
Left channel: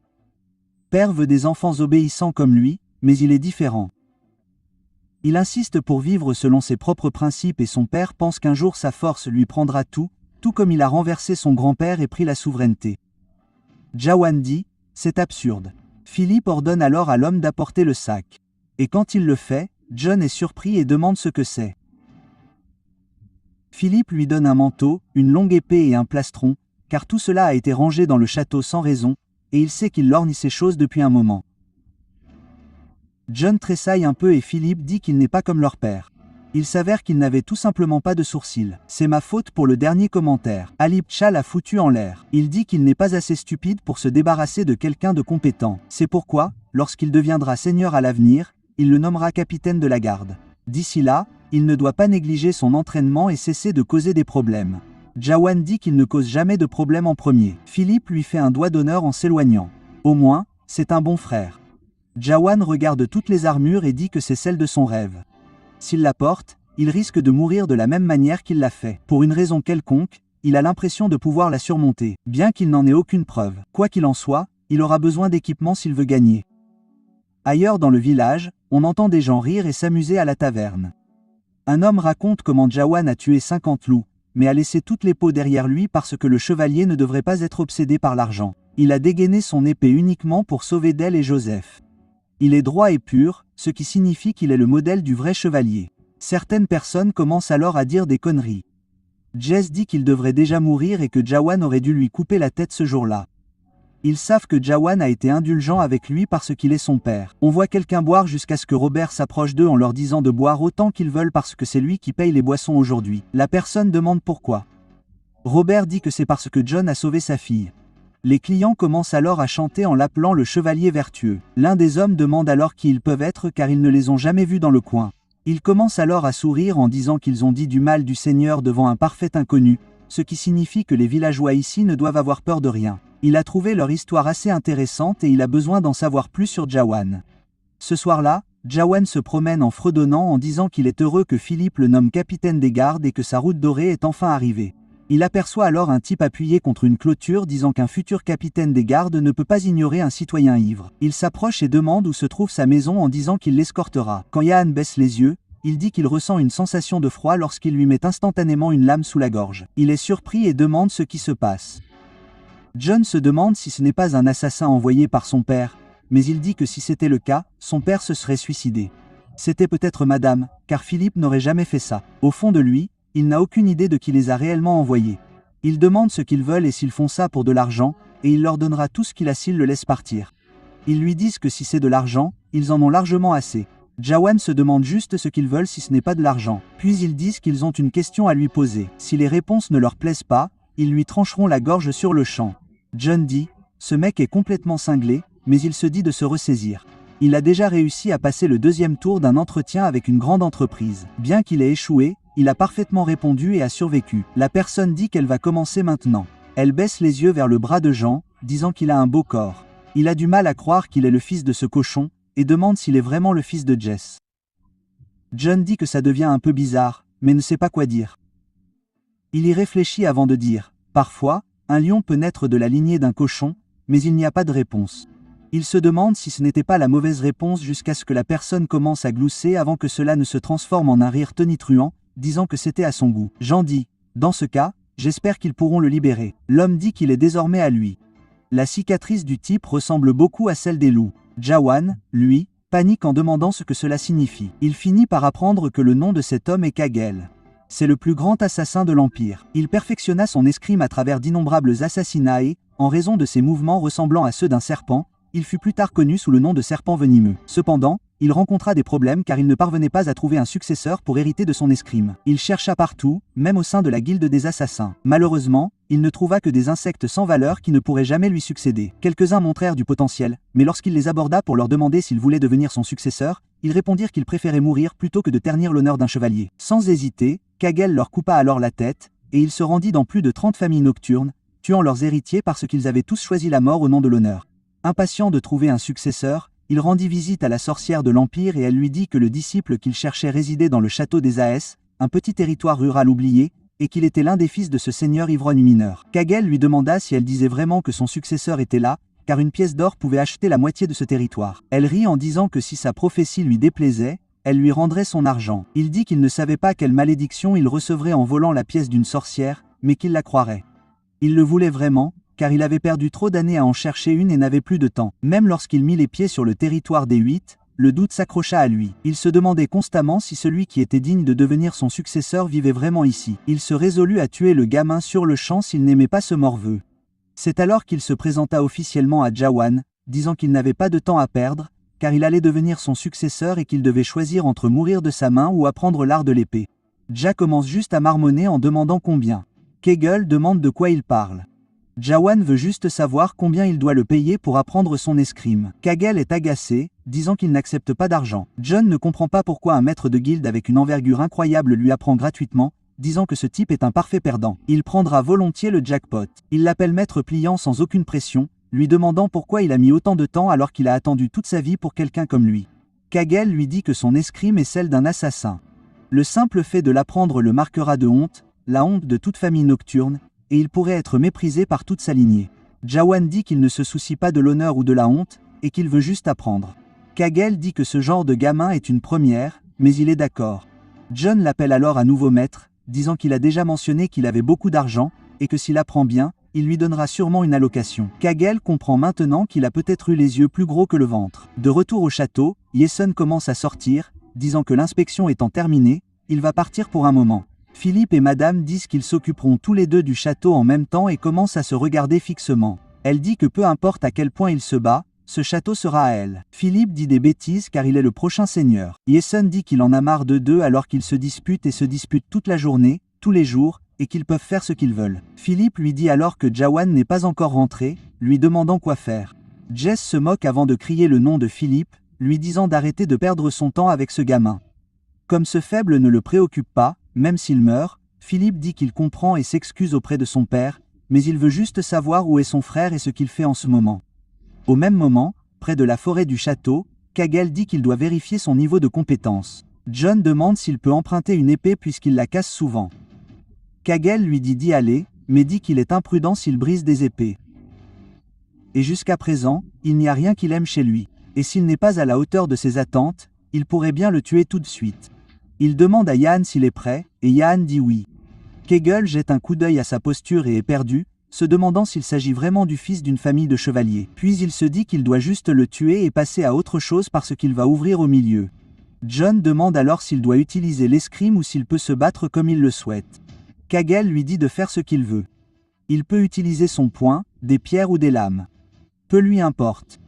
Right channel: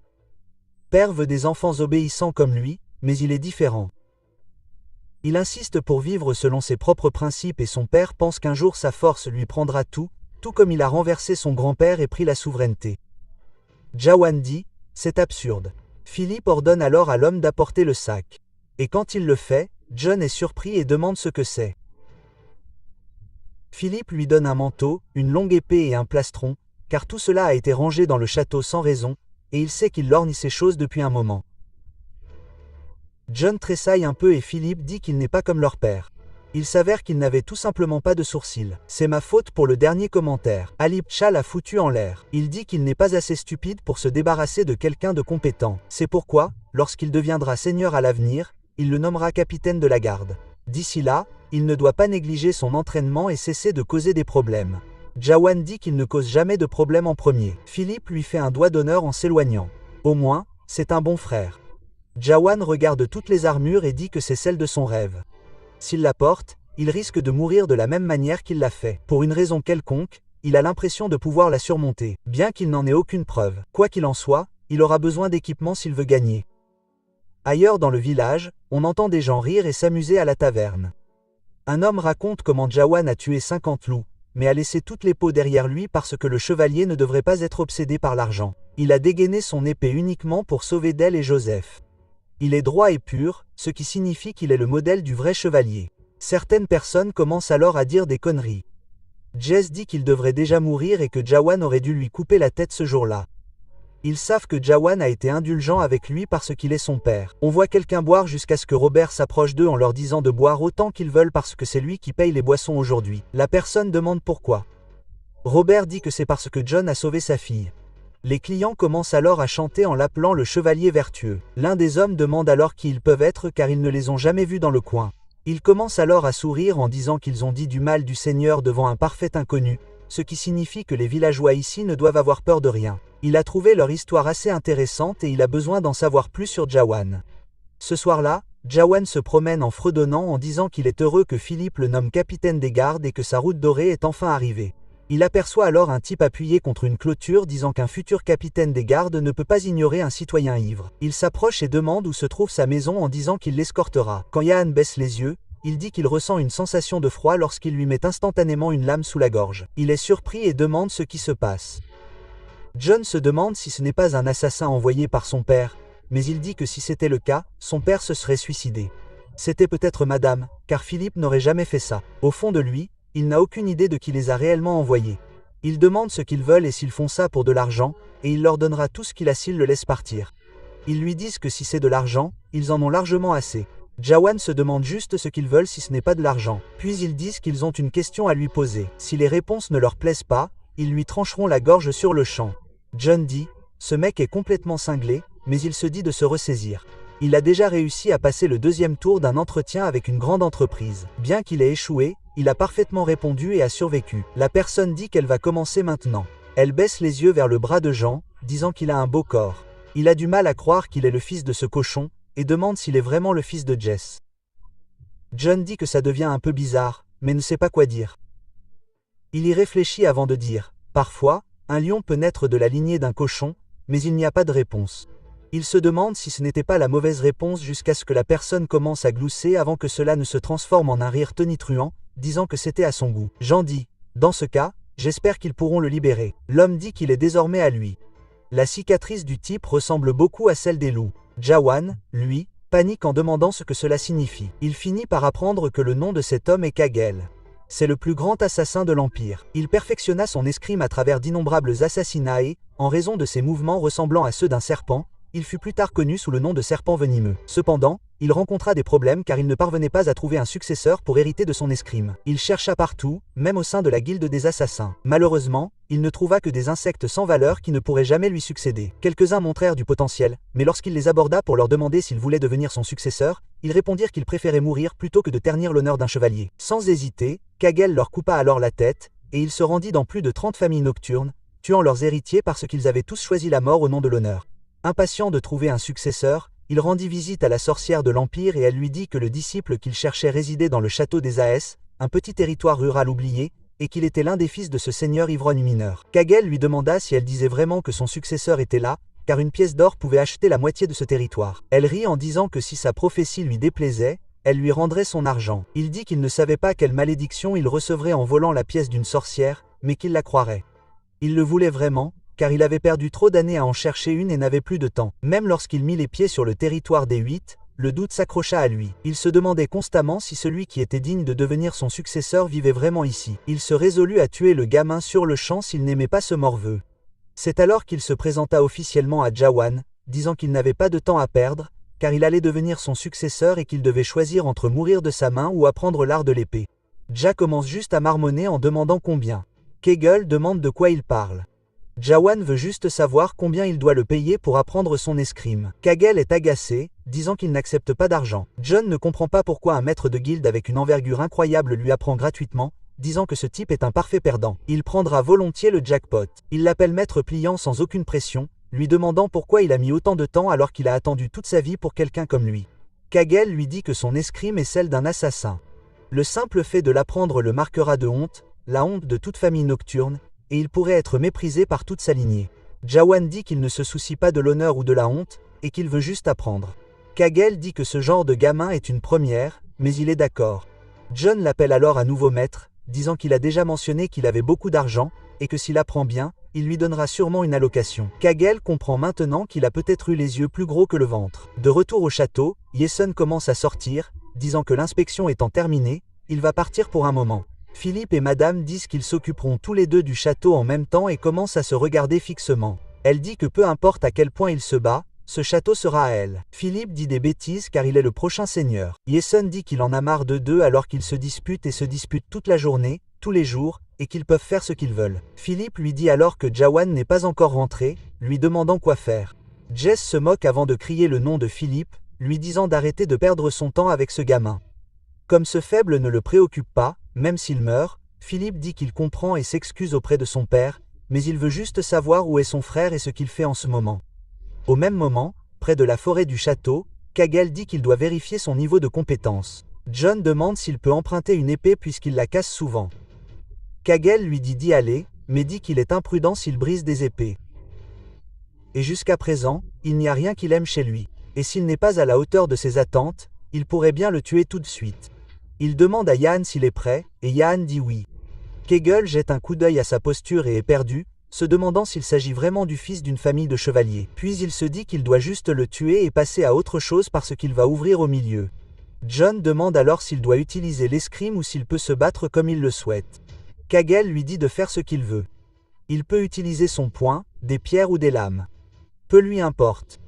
Père veut des enfants obéissants comme lui, mais il est différent. Il insiste pour vivre selon ses propres principes et son père pense qu'un jour sa force lui prendra tout comme il a renversé son grand-père et pris la souveraineté. Jawan dit, c'est absurde. Philippe ordonne alors à l'homme d'apporter le sac. Et quand il le fait, John est surpris et demande ce que c'est. Philippe lui donne un manteau, une longue épée et un plastron, car tout cela a été rangé dans le château sans raison, et il sait qu'il lorgne ces choses depuis un moment. John tressaille un peu et Philippe dit qu'il n'est pas comme leur père. Il s'avère qu'il n'avait tout simplement pas de sourcils. C'est ma faute pour le dernier commentaire. Ali Pcha l'a foutu en l'air. Il dit qu'il n'est pas assez stupide pour se débarrasser de quelqu'un de compétent. C'est pourquoi, lorsqu'il deviendra seigneur à l'avenir, il le nommera capitaine de la garde. D'ici là, il ne doit pas négliger son entraînement et cesser de causer des problèmes. Jawan dit qu'il ne cause jamais de problème en premier. Philippe lui fait un doigt d'honneur en s'éloignant. Au moins, c'est un bon frère. Jawan regarde toutes les armures et dit que c'est celle de son rêve. S'il la porte, il risque de mourir de la même manière qu'il l'a fait. Pour une raison quelconque, il a l'impression de pouvoir la surmonter, bien qu'il n'en ait aucune preuve. Quoi qu'il en soit, il aura besoin d'équipement s'il veut gagner. Ailleurs dans le village, on entend des gens rire et s'amuser à la taverne. Un homme raconte comment Jawan a tué 50 loups, mais a laissé toutes les peaux derrière lui parce que le chevalier ne devrait pas être obsédé par l'argent. Il a dégainé son épée uniquement pour sauver Del et Joseph. Il est droit et pur, ce qui signifie qu'il est le modèle du vrai chevalier. Certaines personnes commencent alors à dire des conneries. Jess dit qu'il devrait déjà mourir et que Jawan aurait dû lui couper la tête ce jour-là. Ils savent que Jawan a été indulgent avec lui parce qu'il est son père. On voit quelqu'un boire jusqu'à ce que Robert s'approche d'eux en leur disant de boire autant qu'ils veulent parce que c'est lui qui paye les boissons aujourd'hui. La personne demande pourquoi. Robert dit que c'est parce que John a sauvé sa fille. Les clients commencent alors à chanter en l'appelant le chevalier vertueux. L'un des hommes demande alors qui ils peuvent être car ils ne les ont jamais vus dans le coin. Ils commencent alors à sourire en disant qu'ils ont dit du mal du Seigneur devant un parfait inconnu, ce qui signifie que les villageois ici ne doivent avoir peur de rien. Il a trouvé leur histoire assez intéressante et il a besoin d'en savoir plus sur Jawan. Ce soir-là, Jawan se promène en fredonnant en disant qu'il est heureux que Philippe le nomme capitaine des gardes et que sa route dorée est enfin arrivée. Il aperçoit alors un type appuyé contre une clôture disant qu'un futur capitaine des gardes ne peut pas ignorer un citoyen ivre. Il s'approche et demande où se trouve sa maison en disant qu'il l'escortera. Quand Yann baisse les yeux, il dit qu'il ressent une sensation de froid lorsqu'il lui met instantanément une lame sous la gorge. Il est surpris et demande ce qui se passe. John se demande si ce n'est pas un assassin envoyé par son père, mais il dit que si c'était le cas, son père se serait suicidé. C'était peut-être madame, car Philippe n'aurait jamais fait ça. Au fond de lui, il n'a aucune idée de qui les a réellement envoyés. Il demande ce qu'ils veulent et s'ils font ça pour de l'argent, et il leur donnera tout ce qu'il a s'ils le laissent partir. Ils lui disent que si c'est de l'argent, ils en ont largement assez. Jawan se demande juste ce qu'ils veulent si ce n'est pas de l'argent. Puis ils disent qu'ils ont une question à lui poser. Si les réponses ne leur plaisent pas, ils lui trancheront la gorge sur le champ. John dit, ce mec est complètement cinglé, mais il se dit de se ressaisir. Il a déjà réussi à passer le deuxième tour d'un entretien avec une grande entreprise. Bien qu'il ait échoué, il a parfaitement répondu et a survécu. La personne dit qu'elle va commencer maintenant. Elle baisse les yeux vers le bras de Jean, disant qu'il a un beau corps. Il a du mal à croire qu'il est le fils de ce cochon, et demande s'il est vraiment le fils de Jess. John dit que ça devient un peu bizarre, mais ne sait pas quoi dire. Il y réfléchit avant de dire, parfois, un lion peut naître de la lignée d'un cochon, mais il n'y a pas de réponse. Il se demande si ce n'était pas la mauvaise réponse jusqu'à ce que la personne commence à glousser avant que cela ne se transforme en un rire tonitruant, disant que c'était à son goût. Jean dit, dans ce cas, j'espère qu'ils pourront le libérer. L'homme dit qu'il est désormais à lui. La cicatrice du type ressemble beaucoup à celle des loups. Jawan, lui, panique en demandant ce que cela signifie. Il finit par apprendre que le nom de cet homme est Kagel. C'est le plus grand assassin de l'Empire. Il perfectionna son escrime à travers d'innombrables assassinats et, en raison de ses mouvements ressemblant à ceux d'un serpent, il fut plus tard connu sous le nom de serpent venimeux. Cependant, il rencontra des problèmes car il ne parvenait pas à trouver un successeur pour hériter de son escrime. Il chercha partout, même au sein de la guilde des assassins. Malheureusement, il ne trouva que des insectes sans valeur qui ne pourraient jamais lui succéder. Quelques-uns montrèrent du potentiel, mais lorsqu'il les aborda pour leur demander s'ils voulaient devenir son successeur, ils répondirent qu'ils préféraient mourir plutôt que de ternir l'honneur d'un chevalier. Sans hésiter, Kagel leur coupa alors la tête, et il se rendit dans plus de 30 familles nocturnes, tuant leurs héritiers parce qu'ils avaient tous choisi la mort au nom de l'honneur. Impatient de trouver un successeur, il rendit visite à la sorcière de l'Empire et elle lui dit que le disciple qu'il cherchait résidait dans le château des Aes, un petit territoire rural oublié, et qu'il était l'un des fils de ce seigneur ivrogne mineur. Kagel lui demanda si elle disait vraiment que son successeur était là, car une pièce d'or pouvait acheter la moitié de ce territoire. Elle rit en disant que si sa prophétie lui déplaisait, elle lui rendrait son argent. Il dit qu'il ne savait pas quelle malédiction il recevrait en volant la pièce d'une sorcière, mais qu'il la croirait. Il le voulait vraiment, car il avait perdu trop d'années à en chercher une et n'avait plus de temps. Même lorsqu'il mit les pieds sur le territoire des Huit, le doute s'accrocha à lui. Il se demandait constamment si celui qui était digne de devenir son successeur vivait vraiment ici. Il se résolut à tuer le gamin sur le champ s'il n'aimait pas ce morveux. C'est alors qu'il se présenta officiellement à Jawan, disant qu'il n'avait pas de temps à perdre, car il allait devenir son successeur et qu'il devait choisir entre mourir de sa main ou apprendre l'art de l'épée. Ja commence juste à marmonner en demandant combien. Kagel demande de quoi il parle. Jawan veut juste savoir combien il doit le payer pour apprendre son escrime. Kagel est agacé, disant qu'il n'accepte pas d'argent. John ne comprend pas pourquoi un maître de guilde avec une envergure incroyable lui apprend gratuitement, disant que ce type est un parfait perdant. Il prendra volontiers le jackpot. Il l'appelle maître pliant sans aucune pression, lui demandant pourquoi il a mis autant de temps alors qu'il a attendu toute sa vie pour quelqu'un comme lui. Kagel lui dit que son escrime est celle d'un assassin. Le simple fait de l'apprendre le marquera de honte, la honte de toute famille nocturne, et il pourrait être méprisé par toute sa lignée. Jawan dit qu'il ne se soucie pas de l'honneur ou de la honte, et qu'il veut juste apprendre. Kagel dit que ce genre de gamin est une première, mais il est d'accord. John l'appelle alors à nouveau maître, disant qu'il a déjà mentionné qu'il avait beaucoup d'argent, et que s'il apprend bien, il lui donnera sûrement une allocation. Kagel comprend maintenant qu'il a peut-être eu les yeux plus gros que le ventre. De retour au château, Yeson commence à sortir, disant que l'inspection étant terminée, il va partir pour un moment. Philippe et Madame disent qu'ils s'occuperont tous les deux du château en même temps et commencent à se regarder fixement. Elle dit que peu importe à quel point il se bat, ce château sera à elle. Philippe dit des bêtises car il est le prochain seigneur. Yeson dit qu'il en a marre de deux alors qu'ils se disputent et se disputent toute la journée, tous les jours, et qu'ils peuvent faire ce qu'ils veulent. Philippe lui dit alors que Jawan n'est pas encore rentré, lui demandant quoi faire. Jess se moque avant de crier le nom de Philippe, lui disant d'arrêter de perdre son temps avec ce gamin. Comme ce faible ne le préoccupe pas, même s'il meurt, Philippe dit qu'il comprend et s'excuse auprès de son père, mais il veut juste savoir où est son frère et ce qu'il fait en ce moment. Au même moment, près de la forêt du château, Kagel dit qu'il doit vérifier son niveau de compétence. John demande s'il peut emprunter une épée puisqu'il la casse souvent. Kagel lui dit d'y aller, mais dit qu'il est imprudent s'il brise des épées. Et jusqu'à présent, il n'y a rien qu'il aime chez lui. Et s'il n'est pas à la hauteur de ses attentes, il pourrait bien le tuer tout de suite. Il demande à Yahan s'il est prêt, et Yahan dit oui. Kagel jette un coup d'œil à sa posture et est perdu, se demandant s'il s'agit vraiment du fils d'une famille de chevaliers. Puis il se dit qu'il doit juste le tuer et passer à autre chose parce qu'il va ouvrir au milieu. John demande alors s'il doit utiliser l'escrime ou s'il peut se battre comme il le souhaite. Kagel lui dit de faire ce qu'il veut. Il peut utiliser son poing, des pierres ou des lames. Peu lui importe.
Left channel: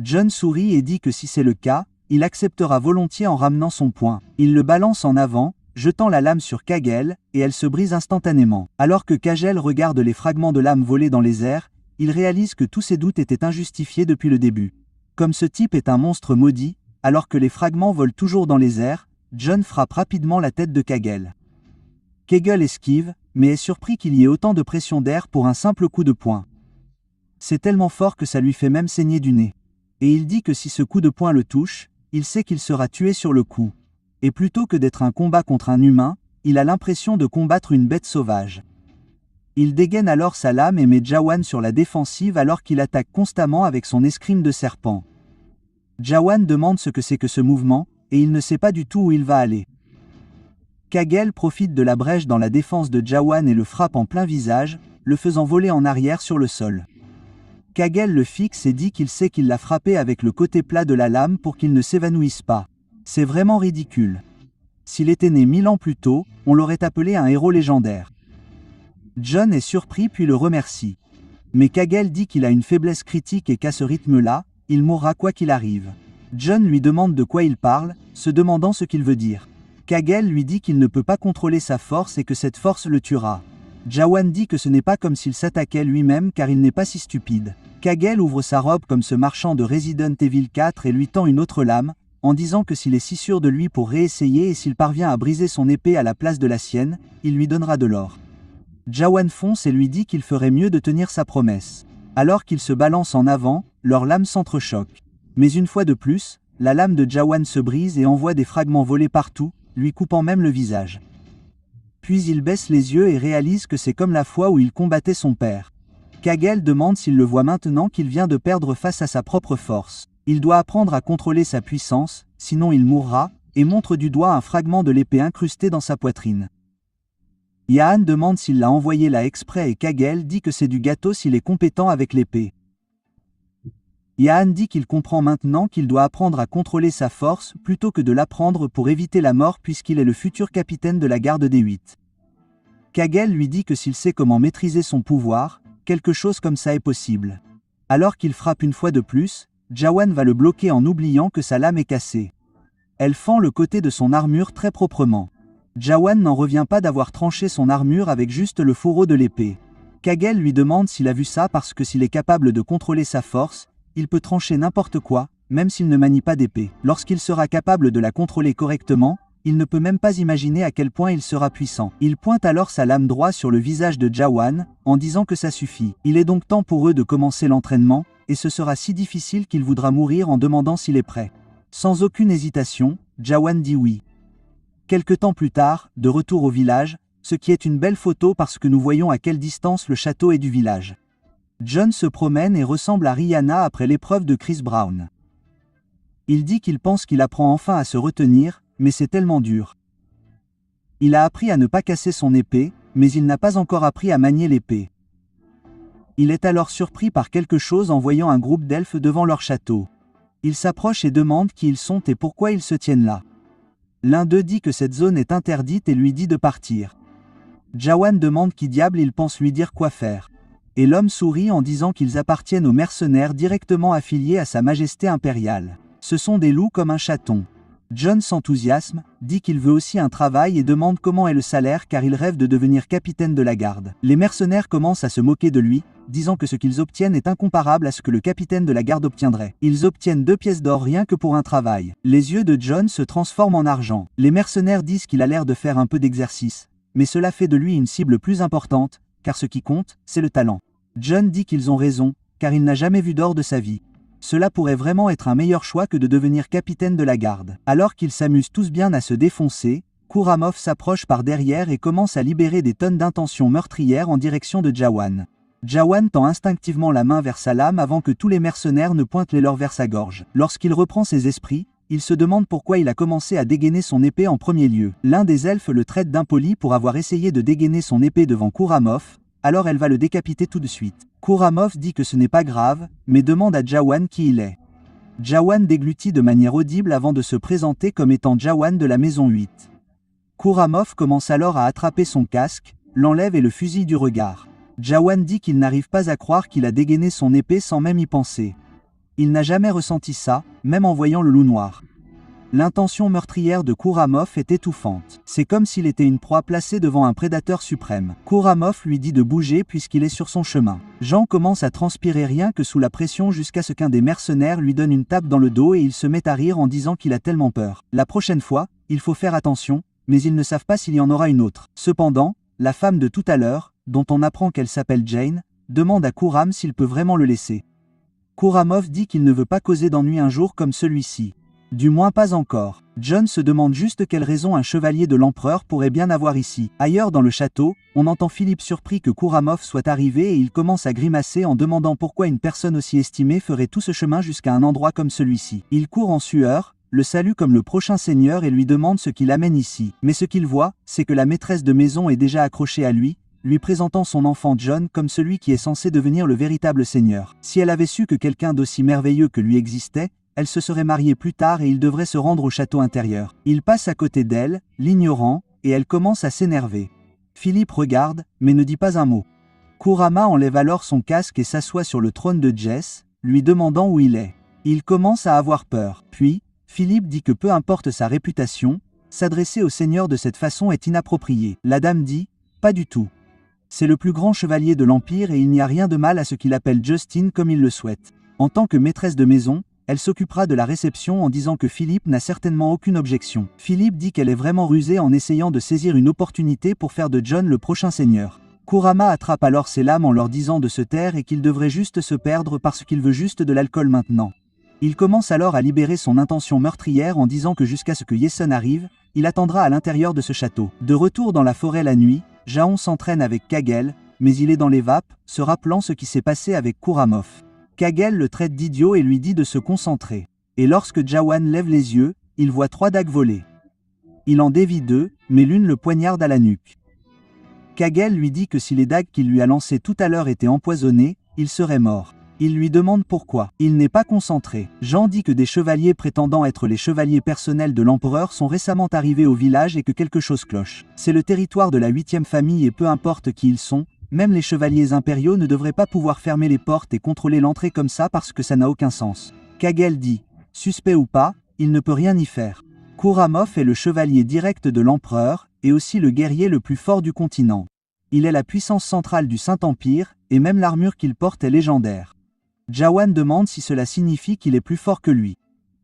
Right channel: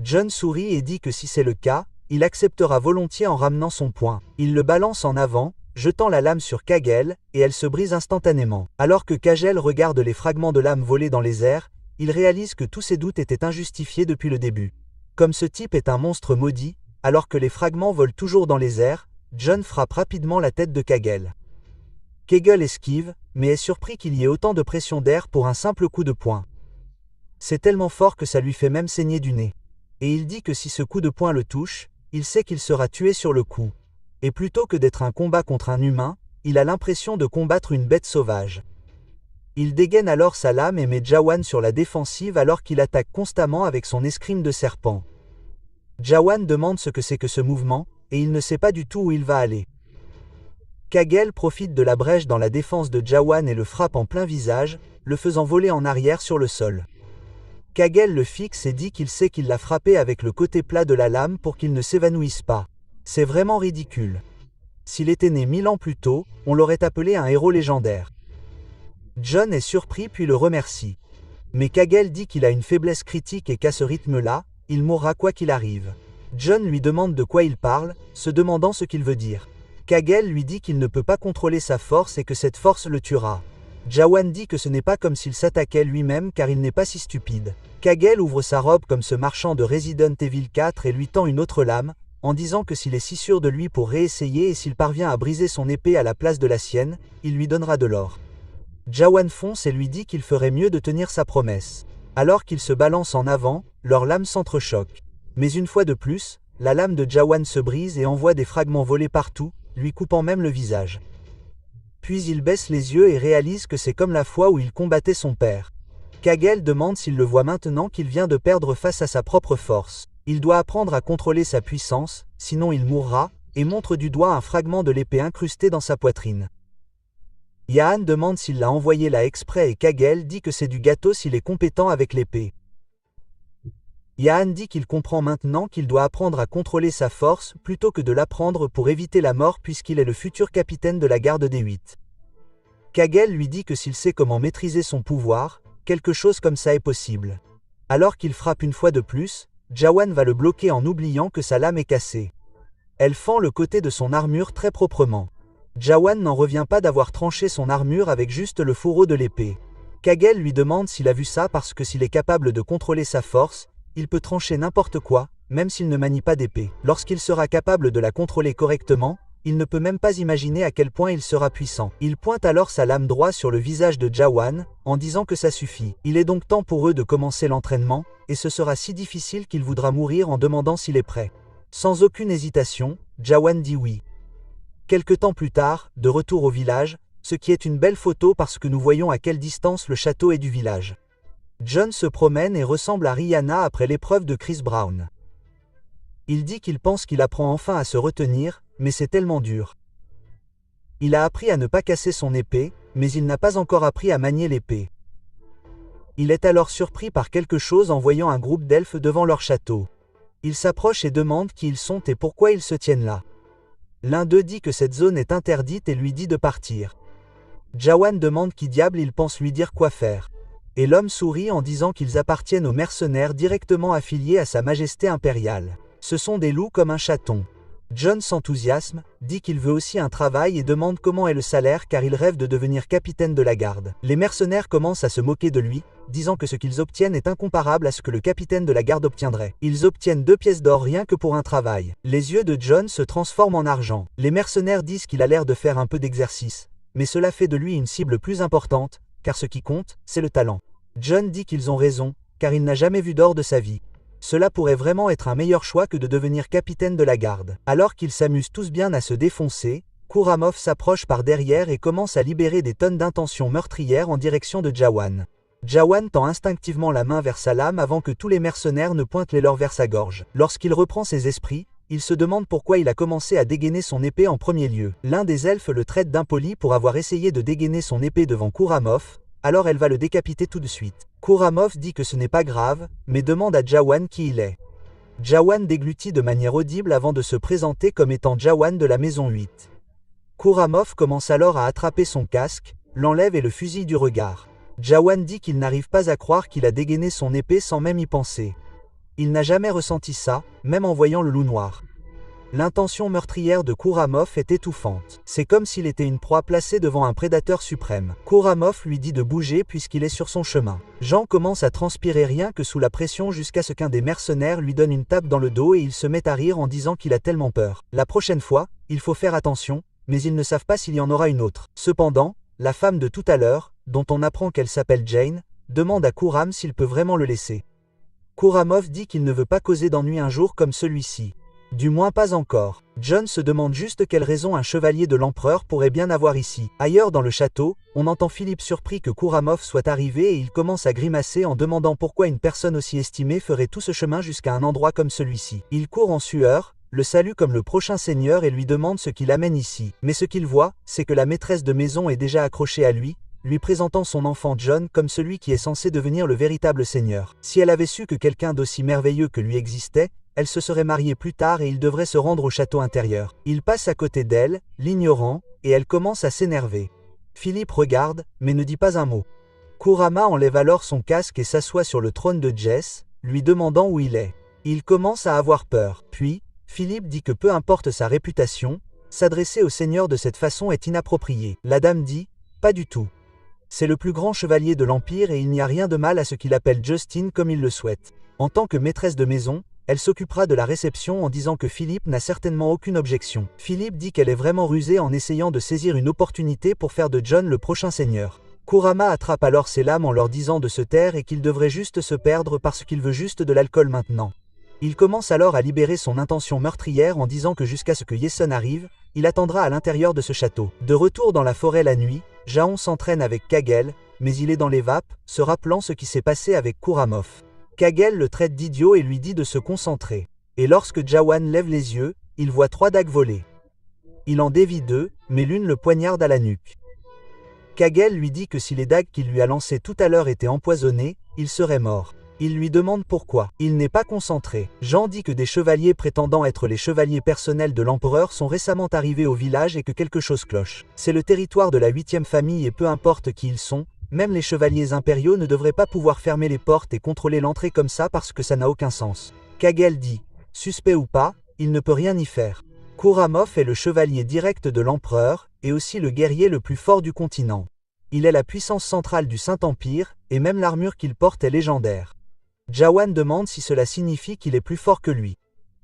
John sourit et dit que si c'est le cas, il acceptera volontiers en ramenant son poing. Il le balance en avant, jetant la lame sur Kagel, et elle se brise instantanément. Alors que Kagel regarde les fragments de lame voler dans les airs, il réalise que tous ses doutes étaient injustifiés depuis le début. Comme ce type est un monstre maudit, alors que les fragments volent toujours dans les airs, John frappe rapidement la tête de Kagel. Kagel esquive, mais est surpris qu'il y ait autant de pression d'air pour un simple coup de poing. C'est tellement fort que ça lui fait même saigner du nez. Et il dit que si ce coup de poing le touche, il sait qu'il sera tué sur le coup. Et plutôt que d'être un combat contre un humain, il a l'impression de combattre une bête sauvage. Il dégaine alors sa lame et met Jawan sur la défensive alors qu'il attaque constamment avec son escrime de serpent. Jawan demande ce que c'est que ce mouvement, et il ne sait pas du tout où il va aller. Kagel profite de la brèche dans la défense de Jawan et le frappe en plein visage, le faisant voler en arrière sur le sol. Kagel le fixe et dit qu'il sait qu'il l'a frappé avec le côté plat de la lame pour qu'il ne s'évanouisse pas. C'est vraiment ridicule. S'il était né 1000 ans plus tôt, on l'aurait appelé un héros légendaire. John est surpris puis le remercie. Mais Kagel dit qu'il a une faiblesse critique et qu'à ce rythme-là, il mourra quoi qu'il arrive. John lui demande de quoi il parle, se demandant ce qu'il veut dire. Kagel lui dit qu'il ne peut pas contrôler sa force et que cette force le tuera. Jawan dit que ce n'est pas comme s'il s'attaquait lui-même car il n'est pas si stupide. Kagel ouvre sa robe comme ce marchand de Resident Evil 4 et lui tend une autre lame, en disant que s'il est si sûr de lui pour réessayer et s'il parvient à briser son épée à la place de la sienne, il lui donnera de l'or. Jawan fonce et lui dit qu'il ferait mieux de tenir sa promesse. Alors qu'ils se balancent en avant, leurs lames s'entrechoquent. Mais une fois de plus, la lame de Jawan se brise et envoie des fragments voler partout, lui coupant même le visage. Puis il baisse les yeux et réalise que c'est comme la fois où il combattait son père. Kagel demande s'il le voit maintenant qu'il vient de perdre face à sa propre force. Il doit apprendre à contrôler sa puissance, sinon il mourra, et montre du doigt un fragment de l'épée incrusté dans sa poitrine. Yahan demande s'il l'a envoyé là exprès et Kagel dit que c'est du gâteau s'il est compétent avec l'épée. Yahan dit qu'il comprend maintenant qu'il doit apprendre à contrôler sa force plutôt que de l'apprendre pour éviter la mort puisqu'il est le futur capitaine de la garde des 8. Kagel lui dit que s'il sait comment maîtriser son pouvoir, quelque chose comme ça est possible. Alors qu'il frappe une fois de plus, Jawan va le bloquer en oubliant que sa lame est cassée. Elle fend le côté de son armure très proprement. Jawan n'en revient pas d'avoir tranché son armure avec juste le fourreau de l'épée. Kagel lui demande s'il a vu ça parce que s'il est capable de contrôler sa force, il peut trancher n'importe quoi, même s'il ne manie pas d'épée. Lorsqu'il sera capable de la contrôler correctement, il ne peut même pas imaginer à quel point il sera puissant. Il pointe alors sa lame droite sur le visage de Jawan, en disant que ça suffit. Il est donc temps pour eux de commencer l'entraînement, et ce sera si difficile qu'il voudra mourir en demandant s'il est prêt. Sans aucune hésitation, Jawan dit oui. Quelque temps plus tard, de retour au village, ce qui est une belle photo parce que nous voyons à quelle distance le château est du village. John se promène et ressemble à Rihanna après l'épreuve de Chris Brown. Il dit qu'il pense qu'il apprend enfin à se retenir, mais c'est tellement dur. Il a appris à ne pas casser son épée, mais il n'a pas encore appris à manier l'épée. Il est alors surpris par quelque chose en voyant un groupe d'elfes devant leur château. Il s'approche et demande qui ils sont et pourquoi ils se tiennent là. L'un d'eux dit que cette zone est interdite et lui dit de partir. Jawan demande qui diable il pense lui dire quoi faire. Et l'homme sourit en disant qu'ils appartiennent aux mercenaires directement affiliés à Sa Majesté impériale. Ce sont des loups comme un chaton. John s'enthousiasme, dit qu'il veut aussi un travail et demande comment est le salaire car il rêve de devenir capitaine de la garde. Les mercenaires commencent à se moquer de lui, disant que ce qu'ils obtiennent est incomparable à ce que le capitaine de la garde obtiendrait. Ils obtiennent 2 pièces d'or rien que pour un travail. Les yeux de John se transforment en argent. Les mercenaires disent qu'il a l'air de faire un peu d'exercice, mais cela fait de lui une cible plus importante, car ce qui compte, c'est le talent. John dit qu'ils ont raison, car il n'a jamais vu d'or de sa vie. Cela pourrait vraiment être un meilleur choix que de devenir capitaine de la garde. Alors qu'ils s'amusent tous bien à se défoncer, Kuramov s'approche par derrière et commence à libérer des tonnes d'intentions meurtrières en direction de Jawan. Jawan tend instinctivement la main vers sa lame avant que tous les mercenaires ne pointent les leurs vers sa gorge. Lorsqu'il reprend ses esprits, il se demande pourquoi il a commencé à dégainer son épée en premier lieu. L'un des elfes le traite d'impoli pour avoir essayé de dégainer son épée devant Kuramov, alors elle va le décapiter tout de suite. Kuramov dit que ce n'est pas grave, mais demande à Jawan qui il est. Jawan déglutit de manière audible avant de se présenter comme étant Jawan de la maison 8. Kuramov commence alors à attraper son casque, l'enlève et le fusille du regard. Jawan dit qu'il n'arrive pas à croire qu'il a dégainé son épée sans même y penser. Il n'a jamais ressenti ça, même en voyant le loup noir. L'intention meurtrière de Kuramov est étouffante. C'est comme s'il était une proie placée devant un prédateur suprême. Kuramov lui dit de bouger puisqu'il est sur son chemin. Jean commence à transpirer rien que sous la pression jusqu'à ce qu'un des mercenaires lui donne une tape dans le dos et il se met à rire en disant qu'il a tellement peur. La prochaine fois, il faut faire attention, mais ils ne savent pas s'il y en aura une autre. Cependant, la femme de tout à l'heure, dont on apprend qu'elle s'appelle Jane, demande à Kuram s'il peut vraiment le laisser. Kuramov dit qu'il ne veut pas causer d'ennui un jour comme celui-ci. Du moins pas encore. John se demande juste quelle raison un chevalier de l'empereur pourrait bien avoir ici. Ailleurs dans le château, on entend Philippe surpris que Kuramov soit arrivé et il commence à grimacer en demandant pourquoi une personne aussi estimée ferait tout ce chemin jusqu'à un endroit comme celui-ci. Il court en sueur, le salue comme le prochain seigneur et lui demande ce qui l'amène ici. Mais ce qu'il voit, c'est que la maîtresse de maison est déjà accrochée à lui, lui présentant son enfant Jon comme celui qui est censé devenir le véritable seigneur. Si elle avait su que quelqu'un d'aussi merveilleux que lui existait, elle se serait mariée plus tard et il devrait se rendre au château intérieur. Il passe à côté d'elle, l'ignorant, et elle commence à s'énerver. Philippe regarde, mais ne dit pas un mot. Kurama enlève alors son casque et s'assoit sur le trône de Jess, lui demandant où il est. Il commence à avoir peur. Puis, Philippe dit que peu importe sa réputation, s'adresser au seigneur de cette façon est inapproprié. La dame dit « Pas du tout. C'est le plus grand chevalier de l'Empire et il n'y a rien de mal à ce qu'il appelle Justine comme il le souhaite. En tant que maîtresse de maison, elle s'occupera de la réception en disant que Philippe n'a certainement aucune objection. Philippe dit qu'elle est vraiment rusée en essayant de saisir une opportunité pour faire de Jon le prochain seigneur. Kurama attrape alors ses lames en leur disant de se taire et qu'il devrait juste se perdre parce qu'il veut juste de l'alcool maintenant. Il commence alors à libérer son intention meurtrière en disant que jusqu'à ce que Yesun arrive, il attendra à l'intérieur de ce château. De retour dans la forêt la nuit, Jaon s'entraîne avec Kagel, mais il est dans les vapes, se rappelant ce qui s'est passé avec Kuramoff. Kagel le traite d'idiot et lui dit de se concentrer. Et lorsque Jawan lève les yeux, il voit 3 dagues voler. Il en dévie 2, mais l'une le poignarde à la nuque. Kagel lui dit que si les dagues qu'il lui a lancées tout à l'heure étaient empoisonnées, il serait mort. Il lui demande pourquoi. Il n'est pas concentré. Jean dit que des chevaliers prétendant être les chevaliers personnels de l'empereur sont récemment arrivés au village et que quelque chose cloche. C'est le territoire de la 8e famille et peu importe qui ils sont, même les chevaliers impériaux ne devraient pas pouvoir fermer les portes et contrôler l'entrée comme ça parce que ça n'a aucun sens. Kagel dit, suspect ou pas, il ne peut rien y faire. Kuramoff est le chevalier direct de l'empereur, et aussi le guerrier le plus fort du continent. Il est la puissance centrale du Saint-Empire, et même l'armure qu'il porte est légendaire. Jawan demande si cela signifie qu'il est plus fort que lui.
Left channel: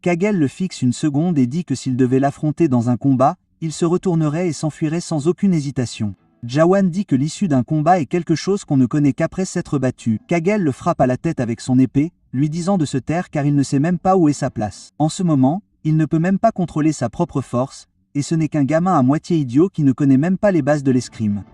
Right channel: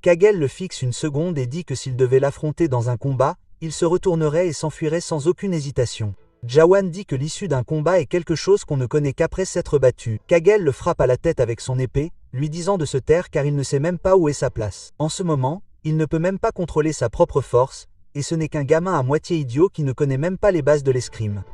Kagel le fixe une seconde et dit que s'il devait l'affronter dans un combat, il se retournerait et s'enfuirait sans aucune hésitation. Jawan dit que l'issue d'un combat est quelque chose qu'on ne connaît qu'après s'être battu. Kagel le frappe à la tête avec son épée, lui disant de se taire car il ne sait même pas où est sa place. En ce moment, il ne peut même pas contrôler sa propre force, et ce n'est qu'un gamin à moitié idiot qui ne connaît même pas les bases de l'escrime.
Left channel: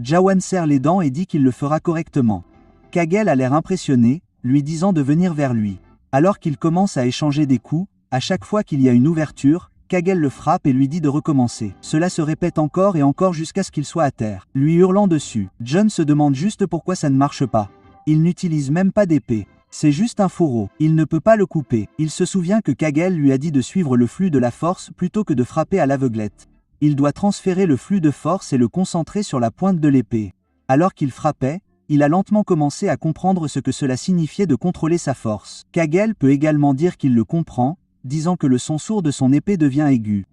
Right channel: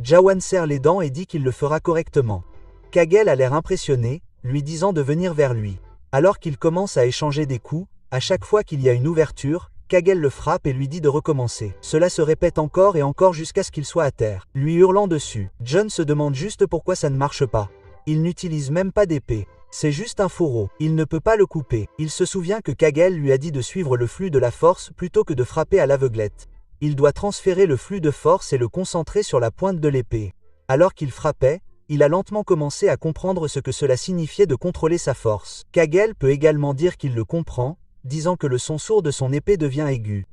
Jawan serre les dents et dit qu'il le fera correctement. Kagel a l'air impressionné, lui disant de venir vers lui. Alors qu'il commence à échanger des coups, à chaque fois qu'il y a une ouverture, Kagel le frappe et lui dit de recommencer. Cela se répète encore et encore jusqu'à ce qu'il soit à terre, lui hurlant dessus. Jon se demande juste pourquoi ça ne marche pas. Il n'utilise même pas d'épée. C'est juste un fourreau. Il ne peut pas le couper. Il se souvient que Kagel lui a dit de suivre le flux de la force plutôt que de frapper à l'aveuglette. Il doit transférer le flux de force et le concentrer sur la pointe de l'épée. Alors qu'il frappait, il a lentement commencé à comprendre ce que cela signifiait de contrôler sa force. Kagel peut également dire qu'il le comprend, disant que le son sourd de son épée devient aigu.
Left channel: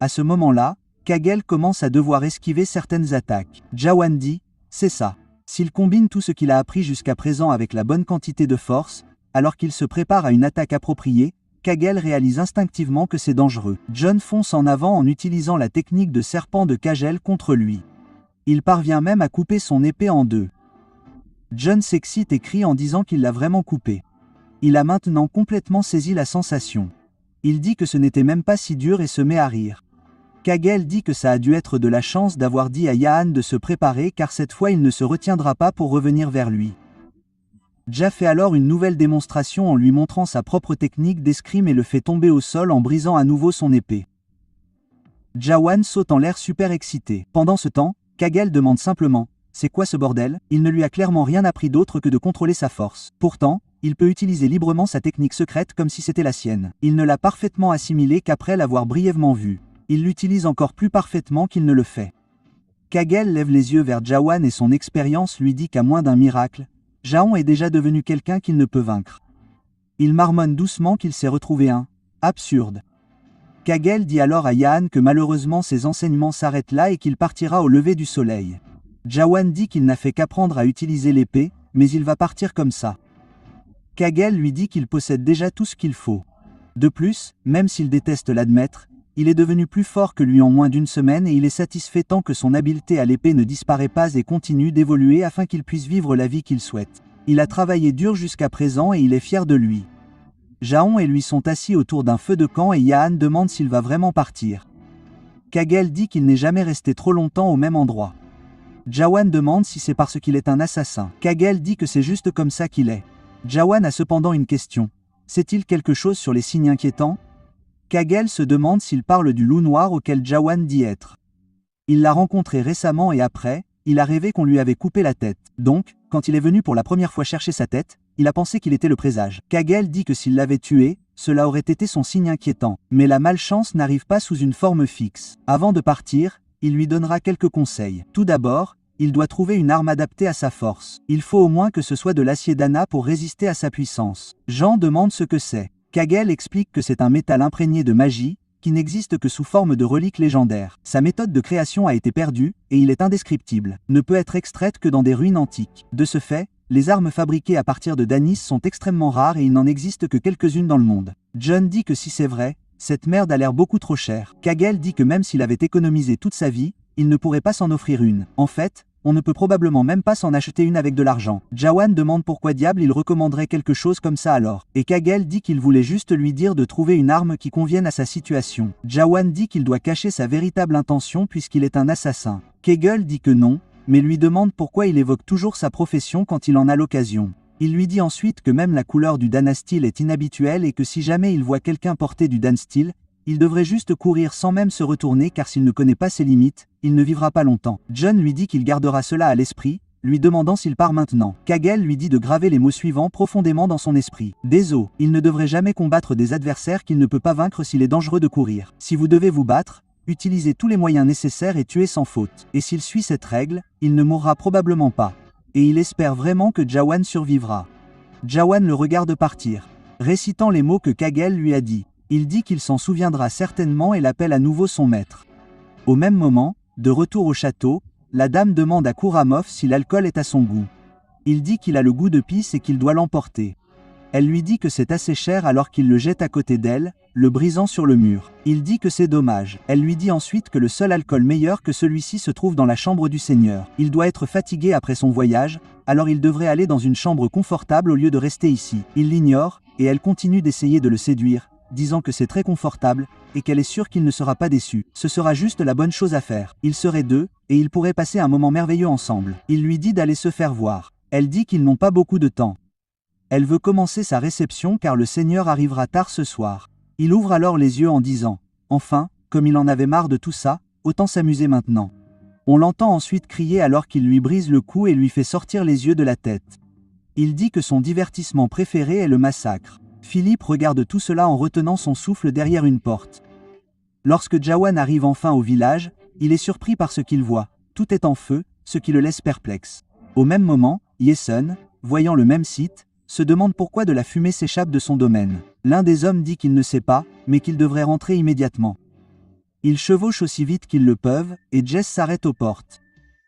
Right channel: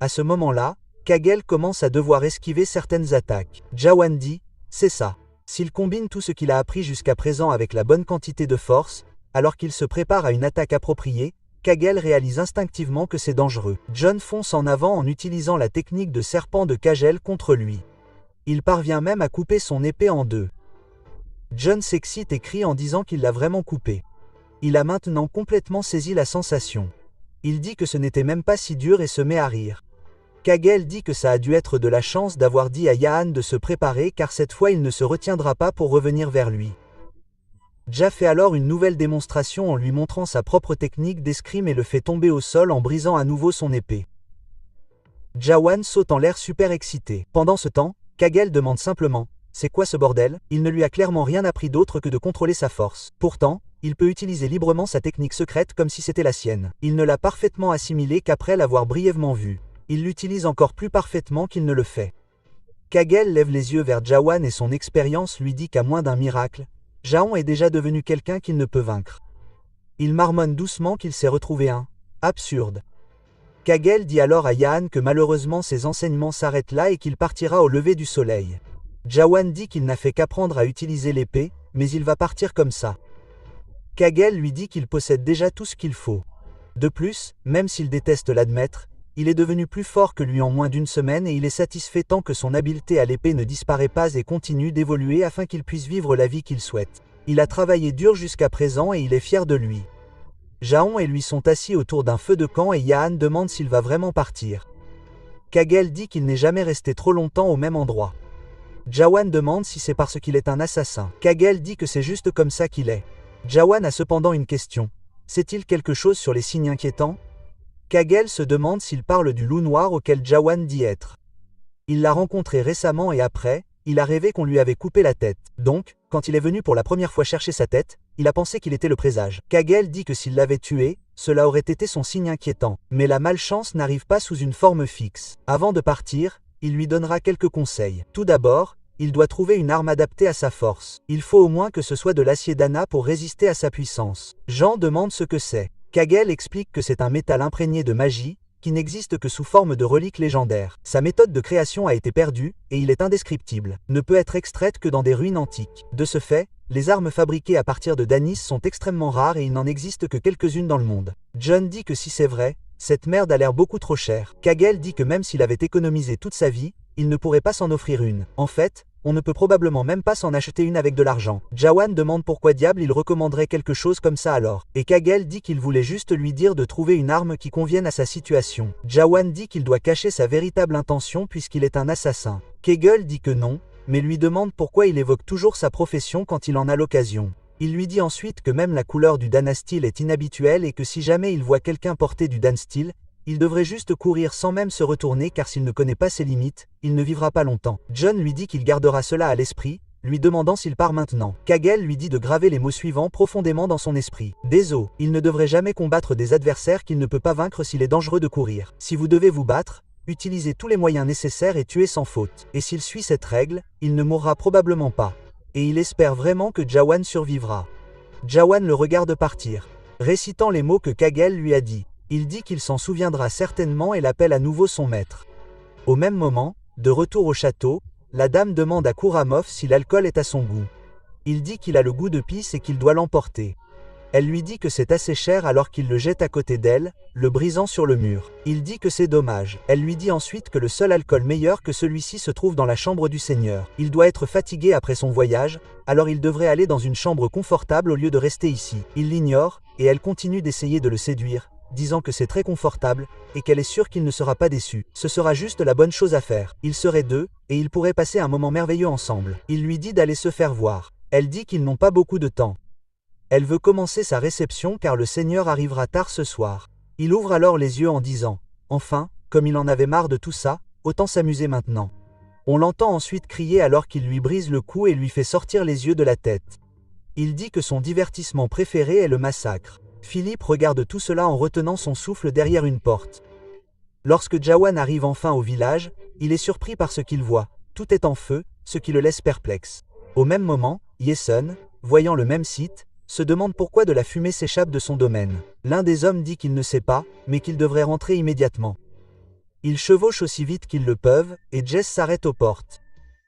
À ce moment-là, Kagel commence à devoir esquiver certaines attaques. Jawan dit, c'est ça. S'il combine tout ce qu'il a appris jusqu'à présent avec la bonne quantité de force, alors qu'il se prépare à une attaque appropriée, Kagel réalise instinctivement que c'est dangereux. Jon fonce en avant en utilisant la technique de serpent de Kagel contre lui. Il parvient même à couper son épée en 2. Jon s'excite et crie en disant qu'il l'a vraiment coupé. Il a maintenant complètement saisi la sensation. Il dit que ce n'était même pas si dur et se met à rire. Kagel dit que ça a dû être de la chance d'avoir dit à Yaan de se préparer car cette fois il ne se retiendra pas pour revenir vers lui. Ja fait alors une nouvelle démonstration en lui montrant sa propre technique d'escrime et le fait tomber au sol en brisant à nouveau son épée. Jawan saute en l'air super excité. Pendant ce temps, Kagel demande simplement « C'est quoi ce bordel ?» Il ne lui a clairement rien appris d'autre que de contrôler sa force. Pourtant, il peut utiliser librement sa technique secrète comme si c'était la sienne. Il ne l'a parfaitement assimilée qu'après l'avoir brièvement vue. Il l'utilise encore plus parfaitement qu'il ne le fait. Kagel lève les yeux vers Jawan et son expérience lui dit qu'à moins d'un miracle, Jaon est déjà devenu quelqu'un qu'il ne peut vaincre. Il marmonne doucement qu'il s'est retrouvé un « absurde ». Kagel dit alors à Yaan que malheureusement ses enseignements s'arrêtent là et qu'il partira au lever du soleil. Jawan dit qu'il n'a fait qu'apprendre à utiliser l'épée, mais il va partir comme ça. Kagel lui dit qu'il possède déjà tout ce qu'il faut. De plus, même s'il déteste l'admettre, il est devenu plus fort que lui en moins d'une semaine et il est satisfait tant que son habileté à l'épée ne disparaît pas et continue d'évoluer afin qu'il puisse vivre la vie qu'il souhaite. Il a travaillé dur jusqu'à présent et il est fier de lui. Jaon et lui sont assis autour d'un feu de camp et Yaan demande s'il va vraiment partir. Kagel dit qu'il n'est jamais resté trop longtemps au même endroit. Jawan demande si c'est parce qu'il est un assassin. Kagel dit que c'est juste comme ça qu'il est. Jawan a cependant une question. Sait-il quelque chose sur les signes inquiétants? Kagel se demande s'il parle du loup noir auquel Jawan dit être. Il l'a rencontré récemment et après, il a rêvé qu'on lui avait coupé la tête. Donc, quand il est venu pour la première fois chercher sa tête, il a pensé qu'il était le présage. Kagel dit que s'il l'avait tué, cela aurait été son signe inquiétant. Mais la malchance n'arrive pas sous une forme fixe. Avant de partir, il lui donnera quelques conseils. Tout d'abord, il doit trouver une arme adaptée à sa force. Il faut au moins que ce soit de l'acier d'Anna pour résister à sa puissance. Jean demande ce que c'est. Kagel explique que c'est un métal imprégné de magie, qui n'existe que sous forme de relique légendaire. Sa méthode de création a été perdue, et il est indescriptible, ne peut être extraite que dans des ruines antiques. De ce fait, les armes fabriquées à partir de Danis sont extrêmement rares et il n'en existe que quelques-unes dans le monde. John dit que si c'est vrai, cette merde a l'air beaucoup trop chère. Kagel dit que même s'il avait économisé toute sa vie, il ne pourrait pas s'en offrir une. En fait, on ne peut probablement même pas s'en acheter une avec de l'argent. Jawan demande pourquoi diable il recommanderait quelque chose comme ça alors. Et Kagel dit qu'il voulait juste lui dire de trouver une arme qui convienne à sa situation. Jawan dit qu'il doit cacher sa véritable intention puisqu'il est un assassin. Kagel dit que non, mais lui demande pourquoi il évoque toujours sa profession quand il en a l'occasion. Il lui dit ensuite que même la couleur du Danastil est inhabituelle et que si jamais il voit quelqu'un porter du Danstil, il devrait juste courir sans même se retourner car s'il ne connaît pas ses limites, il ne vivra pas longtemps. John lui dit qu'il gardera cela à l'esprit, lui demandant s'il part maintenant. Kagel lui dit de graver les mots suivants profondément dans son esprit. Des os, il ne devrait jamais combattre des adversaires qu'il ne peut pas vaincre s'il est dangereux de courir. Si vous devez vous battre, utilisez tous les moyens nécessaires et tuez sans faute. Et s'il suit cette règle, il ne mourra probablement pas. Et il espère vraiment que Jawan survivra. Jawan le regarde partir, récitant les mots que Kagel lui a dit. Il dit qu'il s'en souviendra certainement et l'appelle à nouveau son maître. Au même moment, de retour au château, la dame demande à Kouramov si l'alcool est à son goût. Il dit qu'il a le goût de pisse et qu'il doit l'emporter. Elle lui dit que c'est assez cher alors qu'il le jette à côté d'elle, le brisant sur le mur. Il dit que c'est dommage. Elle lui dit ensuite que le seul alcool meilleur que celui-ci se trouve dans la chambre du Seigneur. Il doit être fatigué après son voyage, alors il devrait aller dans une chambre confortable au lieu de rester ici. Il l'ignore, et elle continue d'essayer de le séduire, disant que c'est très confortable, et qu'elle est sûre qu'il ne sera pas déçu. Ce sera juste la bonne chose à faire. Ils seraient deux, et ils pourraient passer un moment merveilleux ensemble. Il lui dit d'aller se faire voir. Elle dit qu'ils n'ont pas beaucoup de temps. Elle veut commencer sa réception car le Seigneur arrivera tard ce soir. Il ouvre alors les yeux en disant « Enfin, comme il en avait marre de tout ça, autant s'amuser maintenant. » On l'entend ensuite crier alors qu'il lui brise le cou et lui fait sortir les yeux de la tête. Il dit que son divertissement préféré est le massacre. Philippe regarde tout cela en retenant son souffle derrière une porte. Lorsque Jawan arrive enfin au village, il est surpris par ce qu'il voit. Tout est en feu, ce qui le laisse perplexe. Au même moment, Yesun, voyant le même site, se demande pourquoi de la fumée s'échappe de son domaine. L'un des hommes dit qu'il ne sait pas, mais qu'il devrait rentrer immédiatement. Ils chevauchent aussi vite qu'ils le peuvent, et Jess s'arrête aux portes.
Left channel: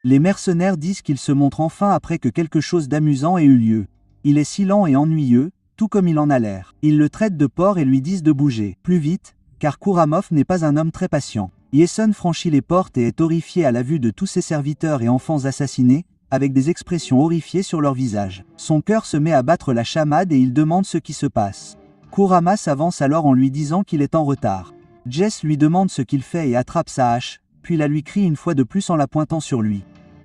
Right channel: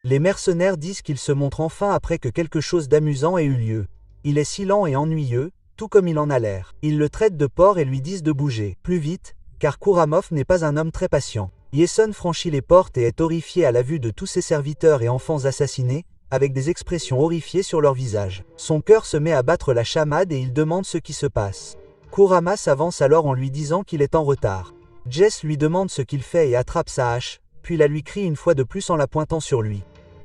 Les mercenaires disent qu'ils se montrent enfin après que quelque chose d'amusant ait eu lieu. Il est si lent et ennuyeux, tout comme il en a l'air. Ils le traitent de porc et lui disent de bouger plus vite, car Kouramov n'est pas un homme très patient. Yesun franchit les portes et est horrifié à la vue de tous ses serviteurs et enfants assassinés, avec des expressions horrifiées sur leur visage. Son cœur se met à battre la chamade et il demande ce qui se passe. Kurama s'avance alors en lui disant qu'il est en retard. Jess lui demande ce qu'il fait et attrape sa hache, puis la lui crie une fois de plus en la pointant sur lui.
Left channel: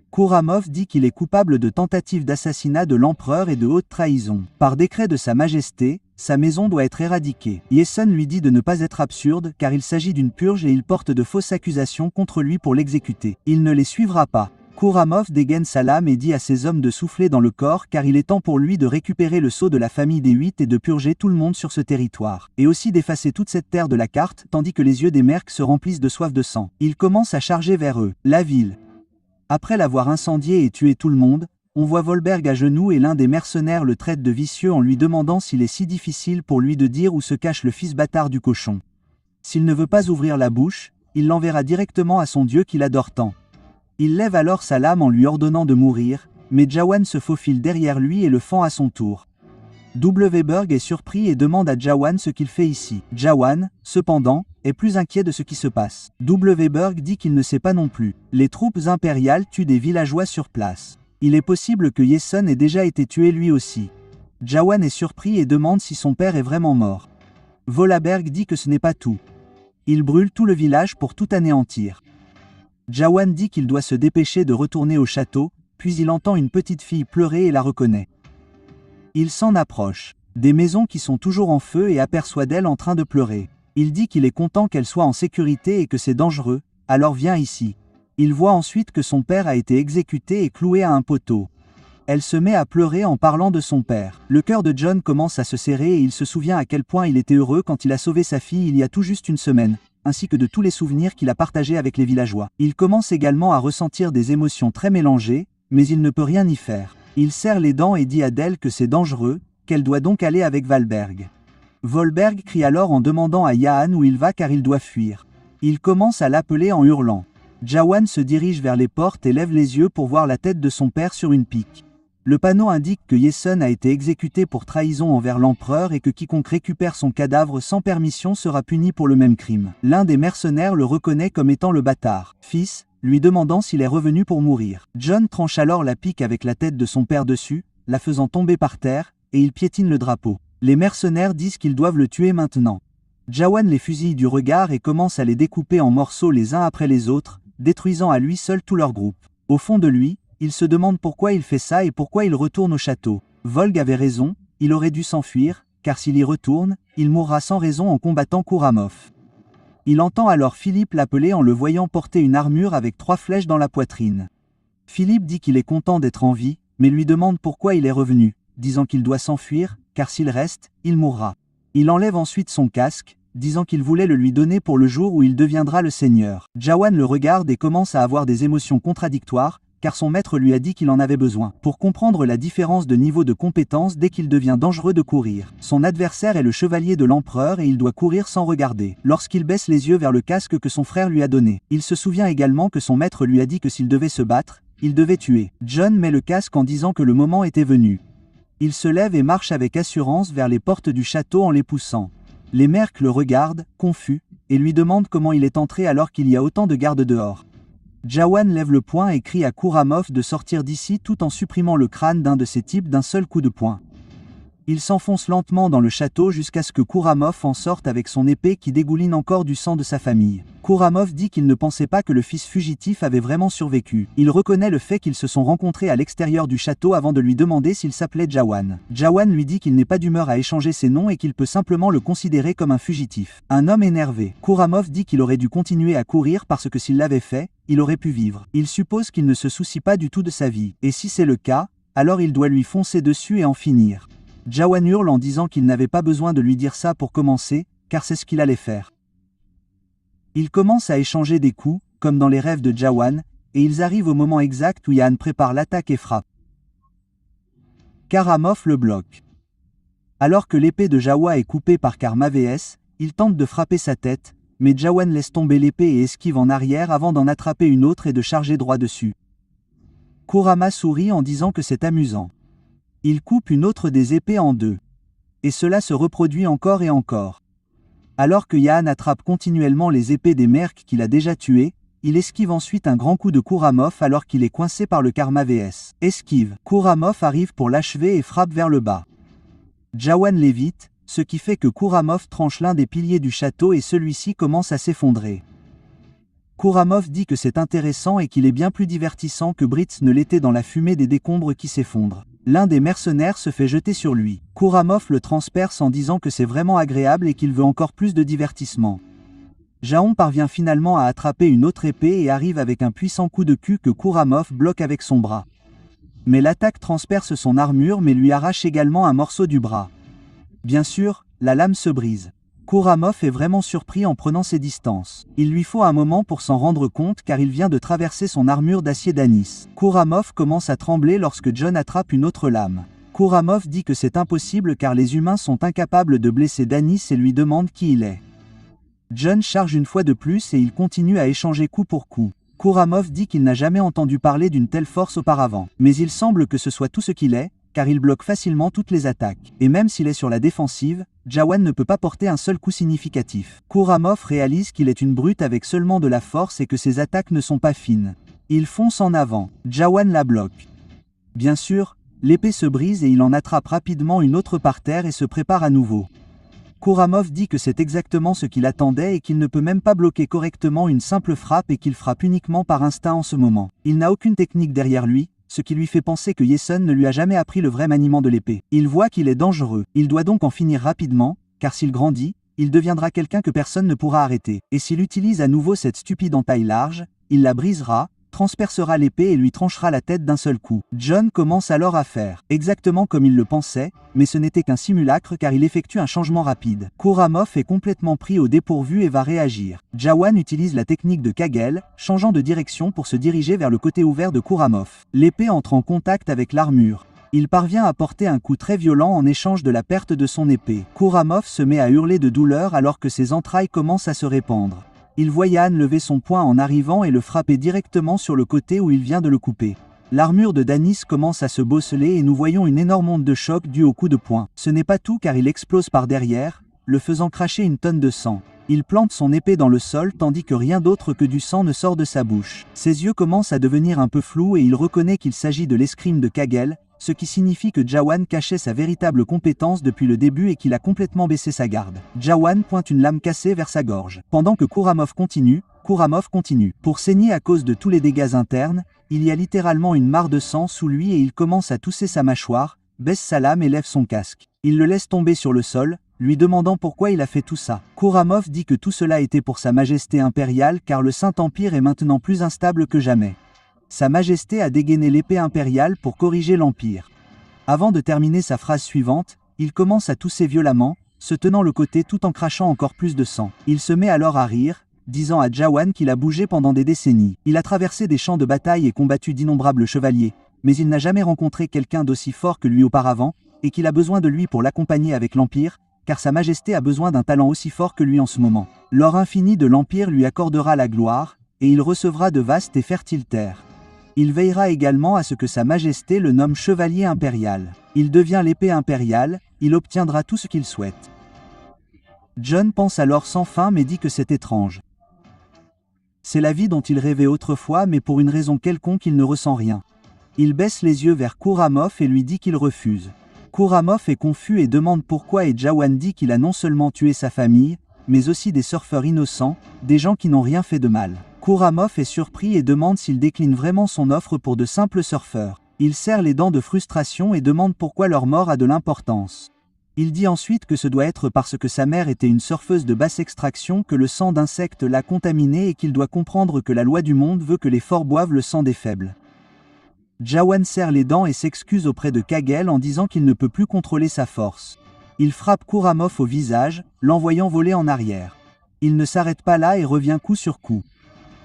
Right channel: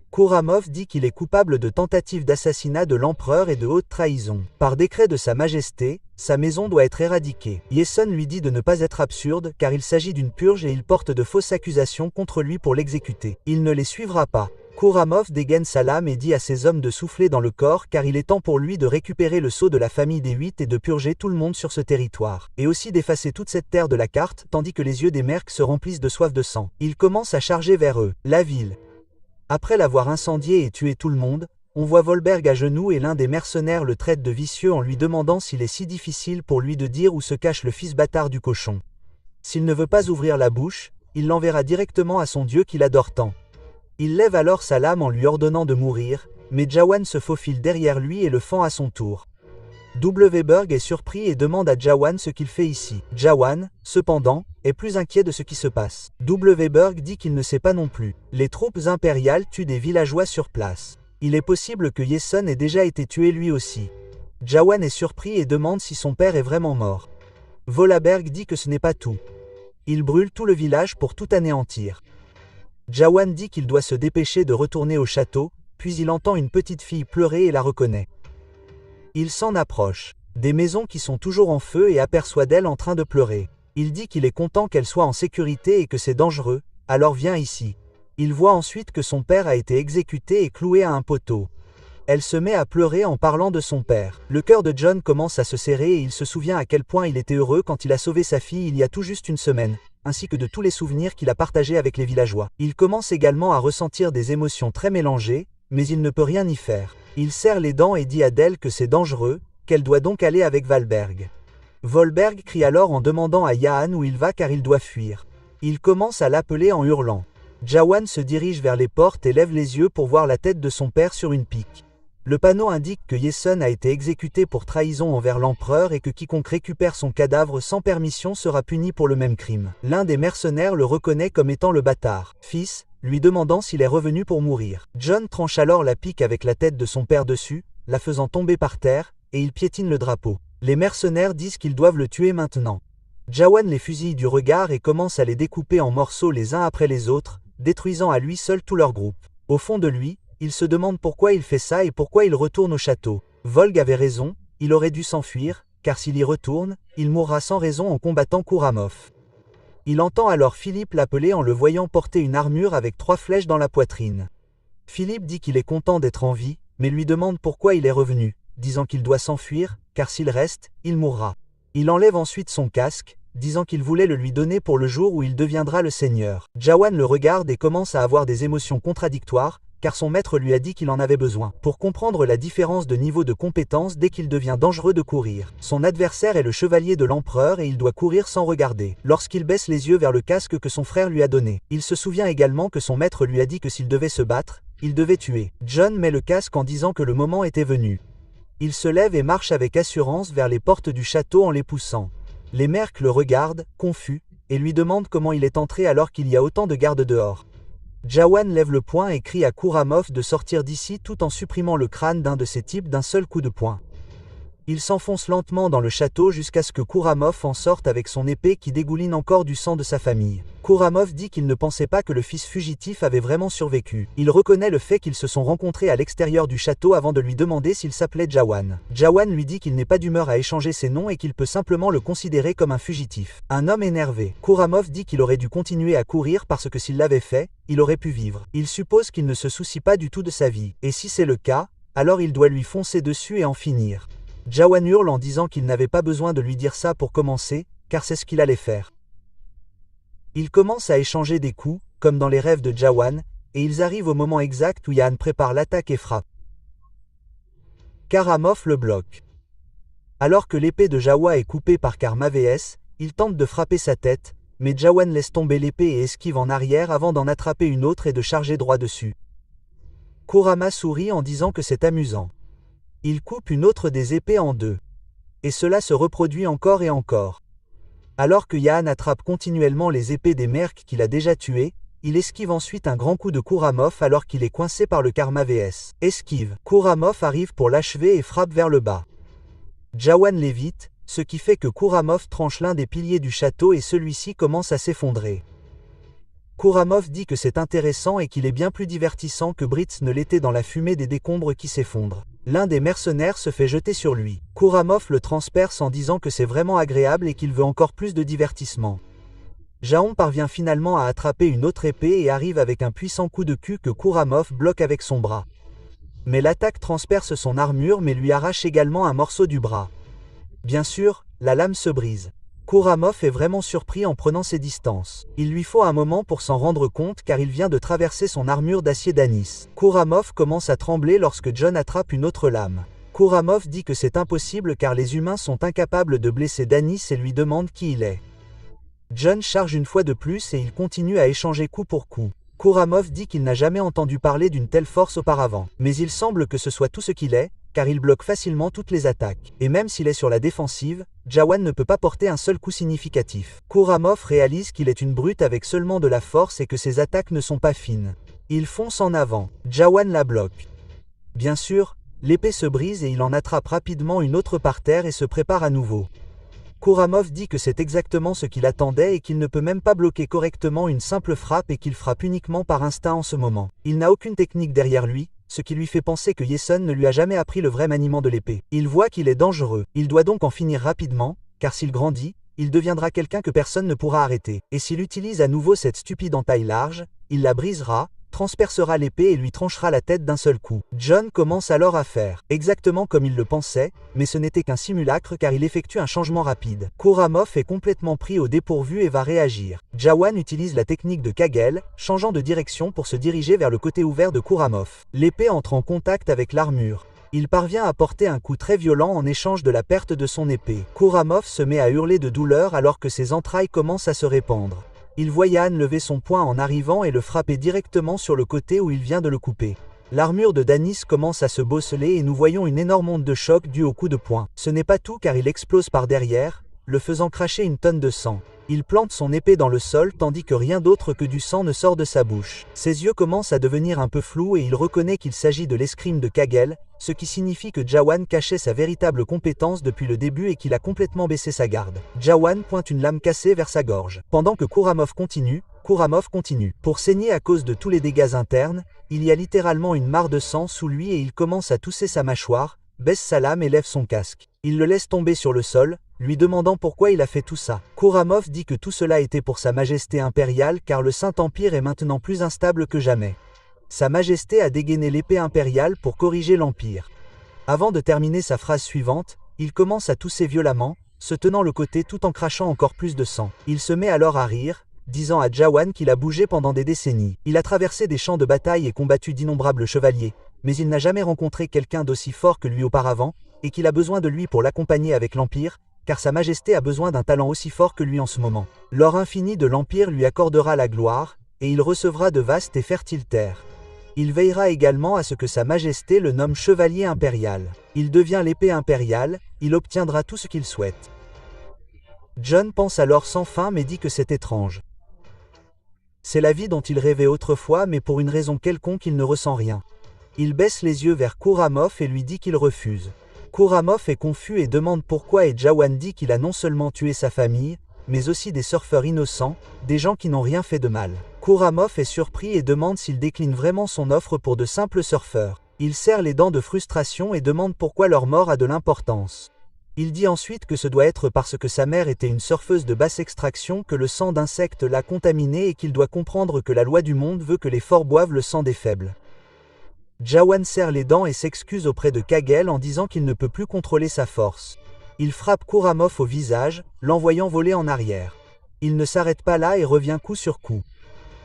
Kouramov dit qu'il est coupable de tentative d'assassinat de l'empereur et de haute trahison. Par décret de Sa Majesté, sa maison doit être éradiquée. Yesun lui dit de ne pas être absurde car il s'agit d'une purge et il porte de fausses accusations contre lui pour l'exécuter. Il ne les suivra pas. Kouramov dégaine sa lame et dit à ses hommes de souffler dans le corps car il est temps pour lui de récupérer le sceau de la famille des 8 et de purger tout le monde sur ce territoire, et aussi d'effacer toute cette terre de la carte tandis que les yeux des mercs se remplissent de soif de sang. Il commence à charger vers eux. La ville. Après l'avoir incendié et tué tout le monde, on voit Volberg à genoux et l'un des mercenaires le traite de vicieux en lui demandant s'il est si difficile pour lui de dire où se cache le fils bâtard du cochon. S'il ne veut pas ouvrir la bouche, il l'enverra directement à son dieu qu'il adore tant. Il lève alors sa lame en lui ordonnant de mourir, mais Jawan se faufile derrière lui et le fend à son tour. Berg est surpris et demande à Jawan ce qu'il fait ici. Jawan, cependant, est plus inquiet de ce qui se passe. Berg dit qu'il ne sait pas non plus. Les troupes impériales tuent des villageois sur place. Il est possible que Yesun ait déjà été tué lui aussi. Jawan est surpris et demande si son père est vraiment mort. Volaberg dit que ce n'est pas tout. Il brûle tout le village pour tout anéantir. Jawan dit qu'il doit se dépêcher de retourner au château, puis il entend une petite fille pleurer et la reconnaît. Il s'en approche. Des maisons qui sont toujours en feu et aperçoit d'elle en train de pleurer. Il dit qu'il est content qu'elle soit en sécurité et que c'est dangereux, alors viens ici. Il voit ensuite que son père a été exécuté et cloué à un poteau. Elle se met à pleurer en parlant de son père. Le cœur de John commence à se serrer et il se souvient à quel point il était heureux quand il a sauvé sa fille il y a tout juste une semaine, ainsi que de tous les souvenirs qu'il a partagés avec les villageois. Il commence également à ressentir des émotions très mélangées, mais il ne peut rien y faire. Il serre les dents et dit à Dell que c'est dangereux, qu'elle doit donc aller avec Valberg. Volberg crie alors en demandant à Yahan où il va car il doit fuir. Il commence à l'appeler en hurlant. Jawan se dirige vers les portes et lève les yeux pour voir la tête de son père sur une pique. Le panneau indique que Yesun a été exécuté pour trahison envers l'empereur et que quiconque récupère son cadavre sans permission sera puni pour le même crime. L'un des mercenaires le reconnaît comme étant le bâtard, fils, lui demandant s'il est revenu pour mourir. John tranche alors la pique avec la tête de son père dessus, la faisant tomber par terre, et il piétine le drapeau. Les mercenaires disent qu'ils doivent le tuer maintenant. Jawan les fusille du regard et commence à les découper en morceaux les uns après les autres, détruisant à lui seul tout leur groupe. Au fond de lui, il se demande pourquoi il fait ça et pourquoi il retourne au château. Volg avait raison, il aurait dû s'enfuir, car s'il y retourne, il mourra sans raison en combattant Kouramov. Il entend alors Philippe l'appeler en le voyant porter une armure avec 3 flèches dans la poitrine. Philippe dit qu'il est content d'être en vie, mais lui demande pourquoi il est revenu, disant qu'il doit s'enfuir, car s'il reste, il mourra. Il enlève ensuite son casque, disant qu'il voulait le lui donner pour le jour où il deviendra le seigneur. Jawan le regarde et commence à avoir des émotions contradictoires, car son maître lui a dit qu'il en avait besoin, pour comprendre la différence de niveau de compétence dès qu'il devient dangereux de courir. Son adversaire est le chevalier de l'empereur et il doit courir sans regarder. Lorsqu'il baisse les yeux vers le casque que son frère lui a donné, il se souvient également que son maître lui a dit que s'il devait se battre, il devait tuer. John met le casque en disant que le moment était venu. Il se lève et marche avec assurance vers les portes du château en les poussant. Les mercs le regardent, confus, et lui demandent comment il est entré alors qu'il y a autant de gardes dehors. Jawan lève le poing et crie à Kouramov de sortir d'ici tout en supprimant le crâne d'un de ces types d'un seul coup de poing. Il s'enfonce lentement dans le château jusqu'à ce que Kouramov en sorte avec son épée qui dégouline encore du sang de sa famille. Kouramov dit qu'il ne pensait pas que le fils fugitif avait vraiment survécu. Il reconnaît le fait qu'ils se sont rencontrés à l'extérieur du château avant de lui demander s'il s'appelait Jawan. Jawan lui dit qu'il n'est pas d'humeur à échanger ses noms et qu'il peut simplement le considérer comme un fugitif. Un homme énervé. Kouramov dit qu'il aurait dû continuer à courir parce que s'il l'avait fait, il aurait pu vivre. Il suppose qu'il ne se soucie pas du tout de sa vie. Et si c'est le cas, alors il doit lui foncer dessus et en finir. Jawan hurle en disant qu'il n'avait pas besoin de lui dire ça pour commencer, car c'est ce qu'il allait faire. Ils commencent à échanger des coups, comme dans les rêves de Jawan, et ils arrivent au moment exact où Yahan prépare l'attaque et frappe. Kouramov le bloque. Alors que l'épée de Jawa est coupée par Karma-VS, il tente de frapper sa tête, mais Jawan laisse tomber l'épée et esquive en arrière avant d'en attraper une autre et de charger droit dessus. Kurama sourit en disant que c'est amusant. Il coupe une autre des épées en 2. Et cela se reproduit encore et encore. Alors que Yahan attrape continuellement les épées des mercs qu'il a déjà tués, il esquive ensuite un grand coup de Kouramov alors qu'il est coincé par le Karma-VS. Esquive. Kouramov arrive pour l'achever et frappe vers le bas. Jawan l'évite, ce qui fait que Kouramov tranche l'un des piliers du château et celui-ci commence à s'effondrer. Kouramov dit que c'est intéressant et qu'il est bien plus divertissant que Britz ne l'était dans la fumée des décombres qui s'effondrent. L'un des mercenaires se fait jeter sur lui. Kouramov le transperce en disant que c'est vraiment agréable et qu'il veut encore plus de divertissement. Jaon parvient finalement à attraper une autre épée et arrive avec un puissant coup de cul que Kouramov bloque avec son bras. Mais l'attaque transperce son armure mais lui arrache également un morceau du bras. Bien sûr, la lame se brise. Kouramov est vraiment surpris en prenant ses distances. Il lui faut un moment pour s'en rendre compte car il vient de traverser son armure d'acier d'anis. Kouramov commence à trembler lorsque John attrape une autre lame. Kouramov dit que c'est impossible car les humains sont incapables de blesser Danis et lui demande qui il est. John charge une fois de plus et il continue à échanger coup pour coup. Kouramov dit qu'il n'a jamais entendu parler d'une telle force auparavant. Mais il semble que ce soit tout ce qu'il est, car il bloque facilement toutes les attaques. Et même s'il est sur la défensive, Jawan ne peut pas porter un seul coup significatif. Kouramov réalise qu'il est une brute avec seulement de la force et que ses attaques ne sont pas fines. Il fonce en avant. Jawan la bloque. Bien sûr, l'épée se brise et il en attrape rapidement une autre par terre et se prépare à nouveau. Kouramov dit que c'est exactement ce qu'il attendait et qu'il ne peut même pas bloquer correctement une simple frappe et qu'il frappe uniquement par instinct en ce moment. Il n'a aucune technique derrière lui, ce qui lui fait penser que Yesun ne lui a jamais appris le vrai maniement de l'épée. Il voit qu'il est dangereux. Il doit donc en finir rapidement, car s'il grandit, il deviendra quelqu'un que personne ne pourra arrêter. Et s'il utilise à nouveau cette stupide entaille large, il la brisera, transpercera l'épée et lui tranchera la tête d'un seul coup. Jon commence alors à faire exactement comme il le pensait, mais ce n'était qu'un simulacre car il effectue un changement rapide. Khorramov est complètement pris au dépourvu et va réagir. Jawan utilise la technique de Kagel, changeant de direction pour se diriger vers le côté ouvert de Khorramov. L'épée entre en contact avec l'armure. Il parvient à porter un coup très violent en échange de la perte de son épée. Khorramov se met à hurler de douleur alors que ses entrailles commencent à se répandre. Il voit Jan lever son poing en arrivant et le frapper directement sur le côté où il vient de le couper. L'armure de Danis commence à se bosseler et nous voyons une énorme onde de choc due au coup de poing. Ce n'est pas tout car il explose par derrière, le faisant cracher une tonne de sang. Il plante son épée dans le sol tandis que rien d'autre que du sang ne sort de sa bouche. Ses yeux commencent à devenir un peu flous et il reconnaît qu'il s'agit de l'escrime de Kagel, ce qui signifie que Jawan cachait sa véritable compétence depuis le début et qu'il a complètement baissé sa garde. Jawan pointe une lame cassée vers sa gorge. Pendant que Khorramov continue. Pour saigner à cause de tous les dégâts internes, il y a littéralement une mare de sang sous lui et il commence à tousser sa mâchoire, baisse sa lame et lève son casque. Il le laisse tomber sur le sol, lui demandant pourquoi il a fait tout ça. Khorramov dit que tout cela était pour sa majesté impériale car le Saint-Empire est maintenant plus instable que jamais. Sa Majesté a dégainé l'épée impériale pour corriger l'Empire. Avant de terminer sa phrase suivante, il commence à tousser violemment, se tenant le côté tout en crachant encore plus de sang. Il se met alors à rire, disant à Jawan qu'il a bougé pendant des décennies. Il a traversé des champs de bataille et combattu d'innombrables chevaliers, mais il n'a jamais rencontré quelqu'un d'aussi fort que lui auparavant, et qu'il a besoin de lui pour l'accompagner avec l'Empire, car Sa Majesté a besoin d'un talent aussi fort que lui en ce moment. L'or infini de l'Empire lui accordera la gloire, et il recevra de vastes et fertiles terres. Il veillera également à ce que Sa Majesté le nomme chevalier impérial. Il devient l'épée impériale, il obtiendra tout ce qu'il souhaite. Jon pense alors sans fin mais dit que c'est étrange. C'est la vie dont il rêvait autrefois mais pour une raison quelconque il ne ressent rien. Il baisse les yeux vers Khorramov et lui dit qu'il refuse. Khorramov est confus et demande pourquoi et Jawan dit qu'il a non seulement tué sa famille, mais aussi des surfeurs innocents, des gens qui n'ont rien fait de mal. Khorramov est surpris et demande s'il décline vraiment son offre pour de simples surfeurs. Il serre les dents de frustration et demande pourquoi leur mort a de l'importance. Il dit ensuite que ce doit être parce que sa mère était une surfeuse de basse extraction que le sang d'insectes l'a contaminé et qu'il doit comprendre que la loi du monde veut que les forts boivent le sang des faibles. Jawan serre les dents et s'excuse auprès de Kagel en disant qu'il ne peut plus contrôler sa force. Il frappe Khorramov au visage, l'envoyant voler en arrière. Il ne s'arrête pas là et revient coup sur coup.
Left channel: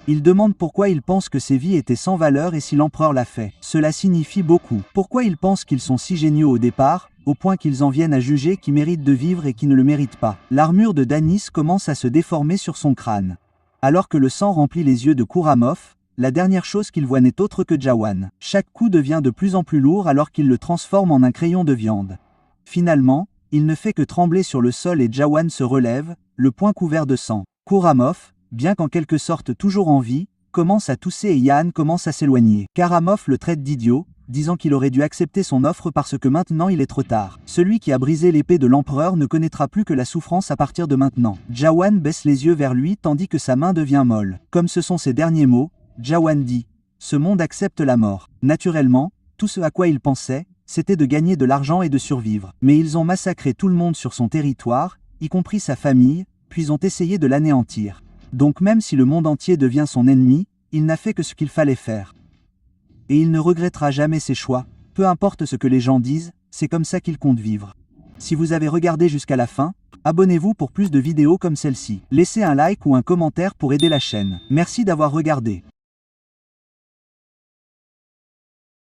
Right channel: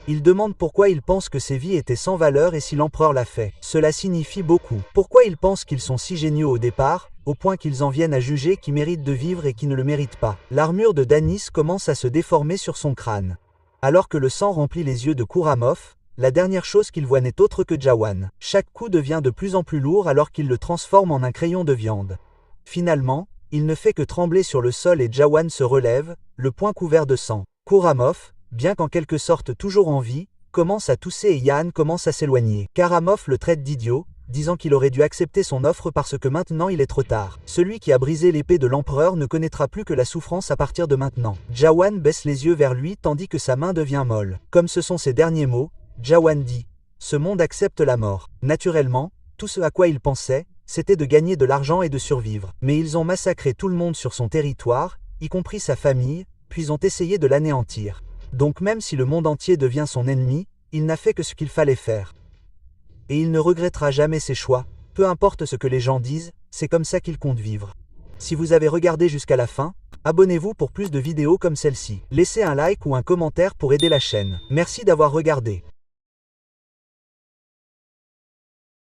Il demande pourquoi il pense que ses vies étaient sans valeur et si l'empereur l'a fait. Cela signifie beaucoup. Pourquoi il pense qu'ils sont si géniaux au départ, au point qu'ils en viennent à juger qui méritent de vivre et qui ne le méritent pas. L'armure de Danis commence à se déformer sur son crâne. Alors que le sang remplit les yeux de Khorramov, la dernière chose qu'il voit n'est autre que Jawan. Chaque coup devient de plus en plus lourd alors qu'il le transforme en un crayon de viande. Finalement, il ne fait que trembler sur le sol et Jawan se relève, le poing couvert de sang. Khorramov, bien qu'en quelque sorte toujours en vie, commence à tousser et Jan commence à s'éloigner. Khorramov le traite d'idiot, disant qu'il aurait dû accepter son offre parce que maintenant il est trop tard. Celui qui a brisé l'épée de l'empereur ne connaîtra plus que la souffrance à partir de maintenant. Jawan baisse les yeux vers lui tandis que sa main devient molle. Comme ce sont ses derniers mots, Jawan dit « Ce monde accepte la mort ». Naturellement, tout ce à quoi il pensait, c'était de gagner de l'argent et de survivre. Mais ils ont massacré tout le monde sur son territoire, y compris sa famille, puis ont essayé de l'anéantir. Donc même si le monde entier devient son ennemi, il n'a fait que ce qu'il fallait faire. Et il ne regrettera jamais ses choix, peu importe ce que les gens disent, c'est comme ça qu'il compte vivre. Si vous avez regardé jusqu'à la fin, abonnez-vous pour plus de vidéos comme celle-ci. Laissez un like ou un commentaire pour aider la chaîne. Merci d'avoir regardé.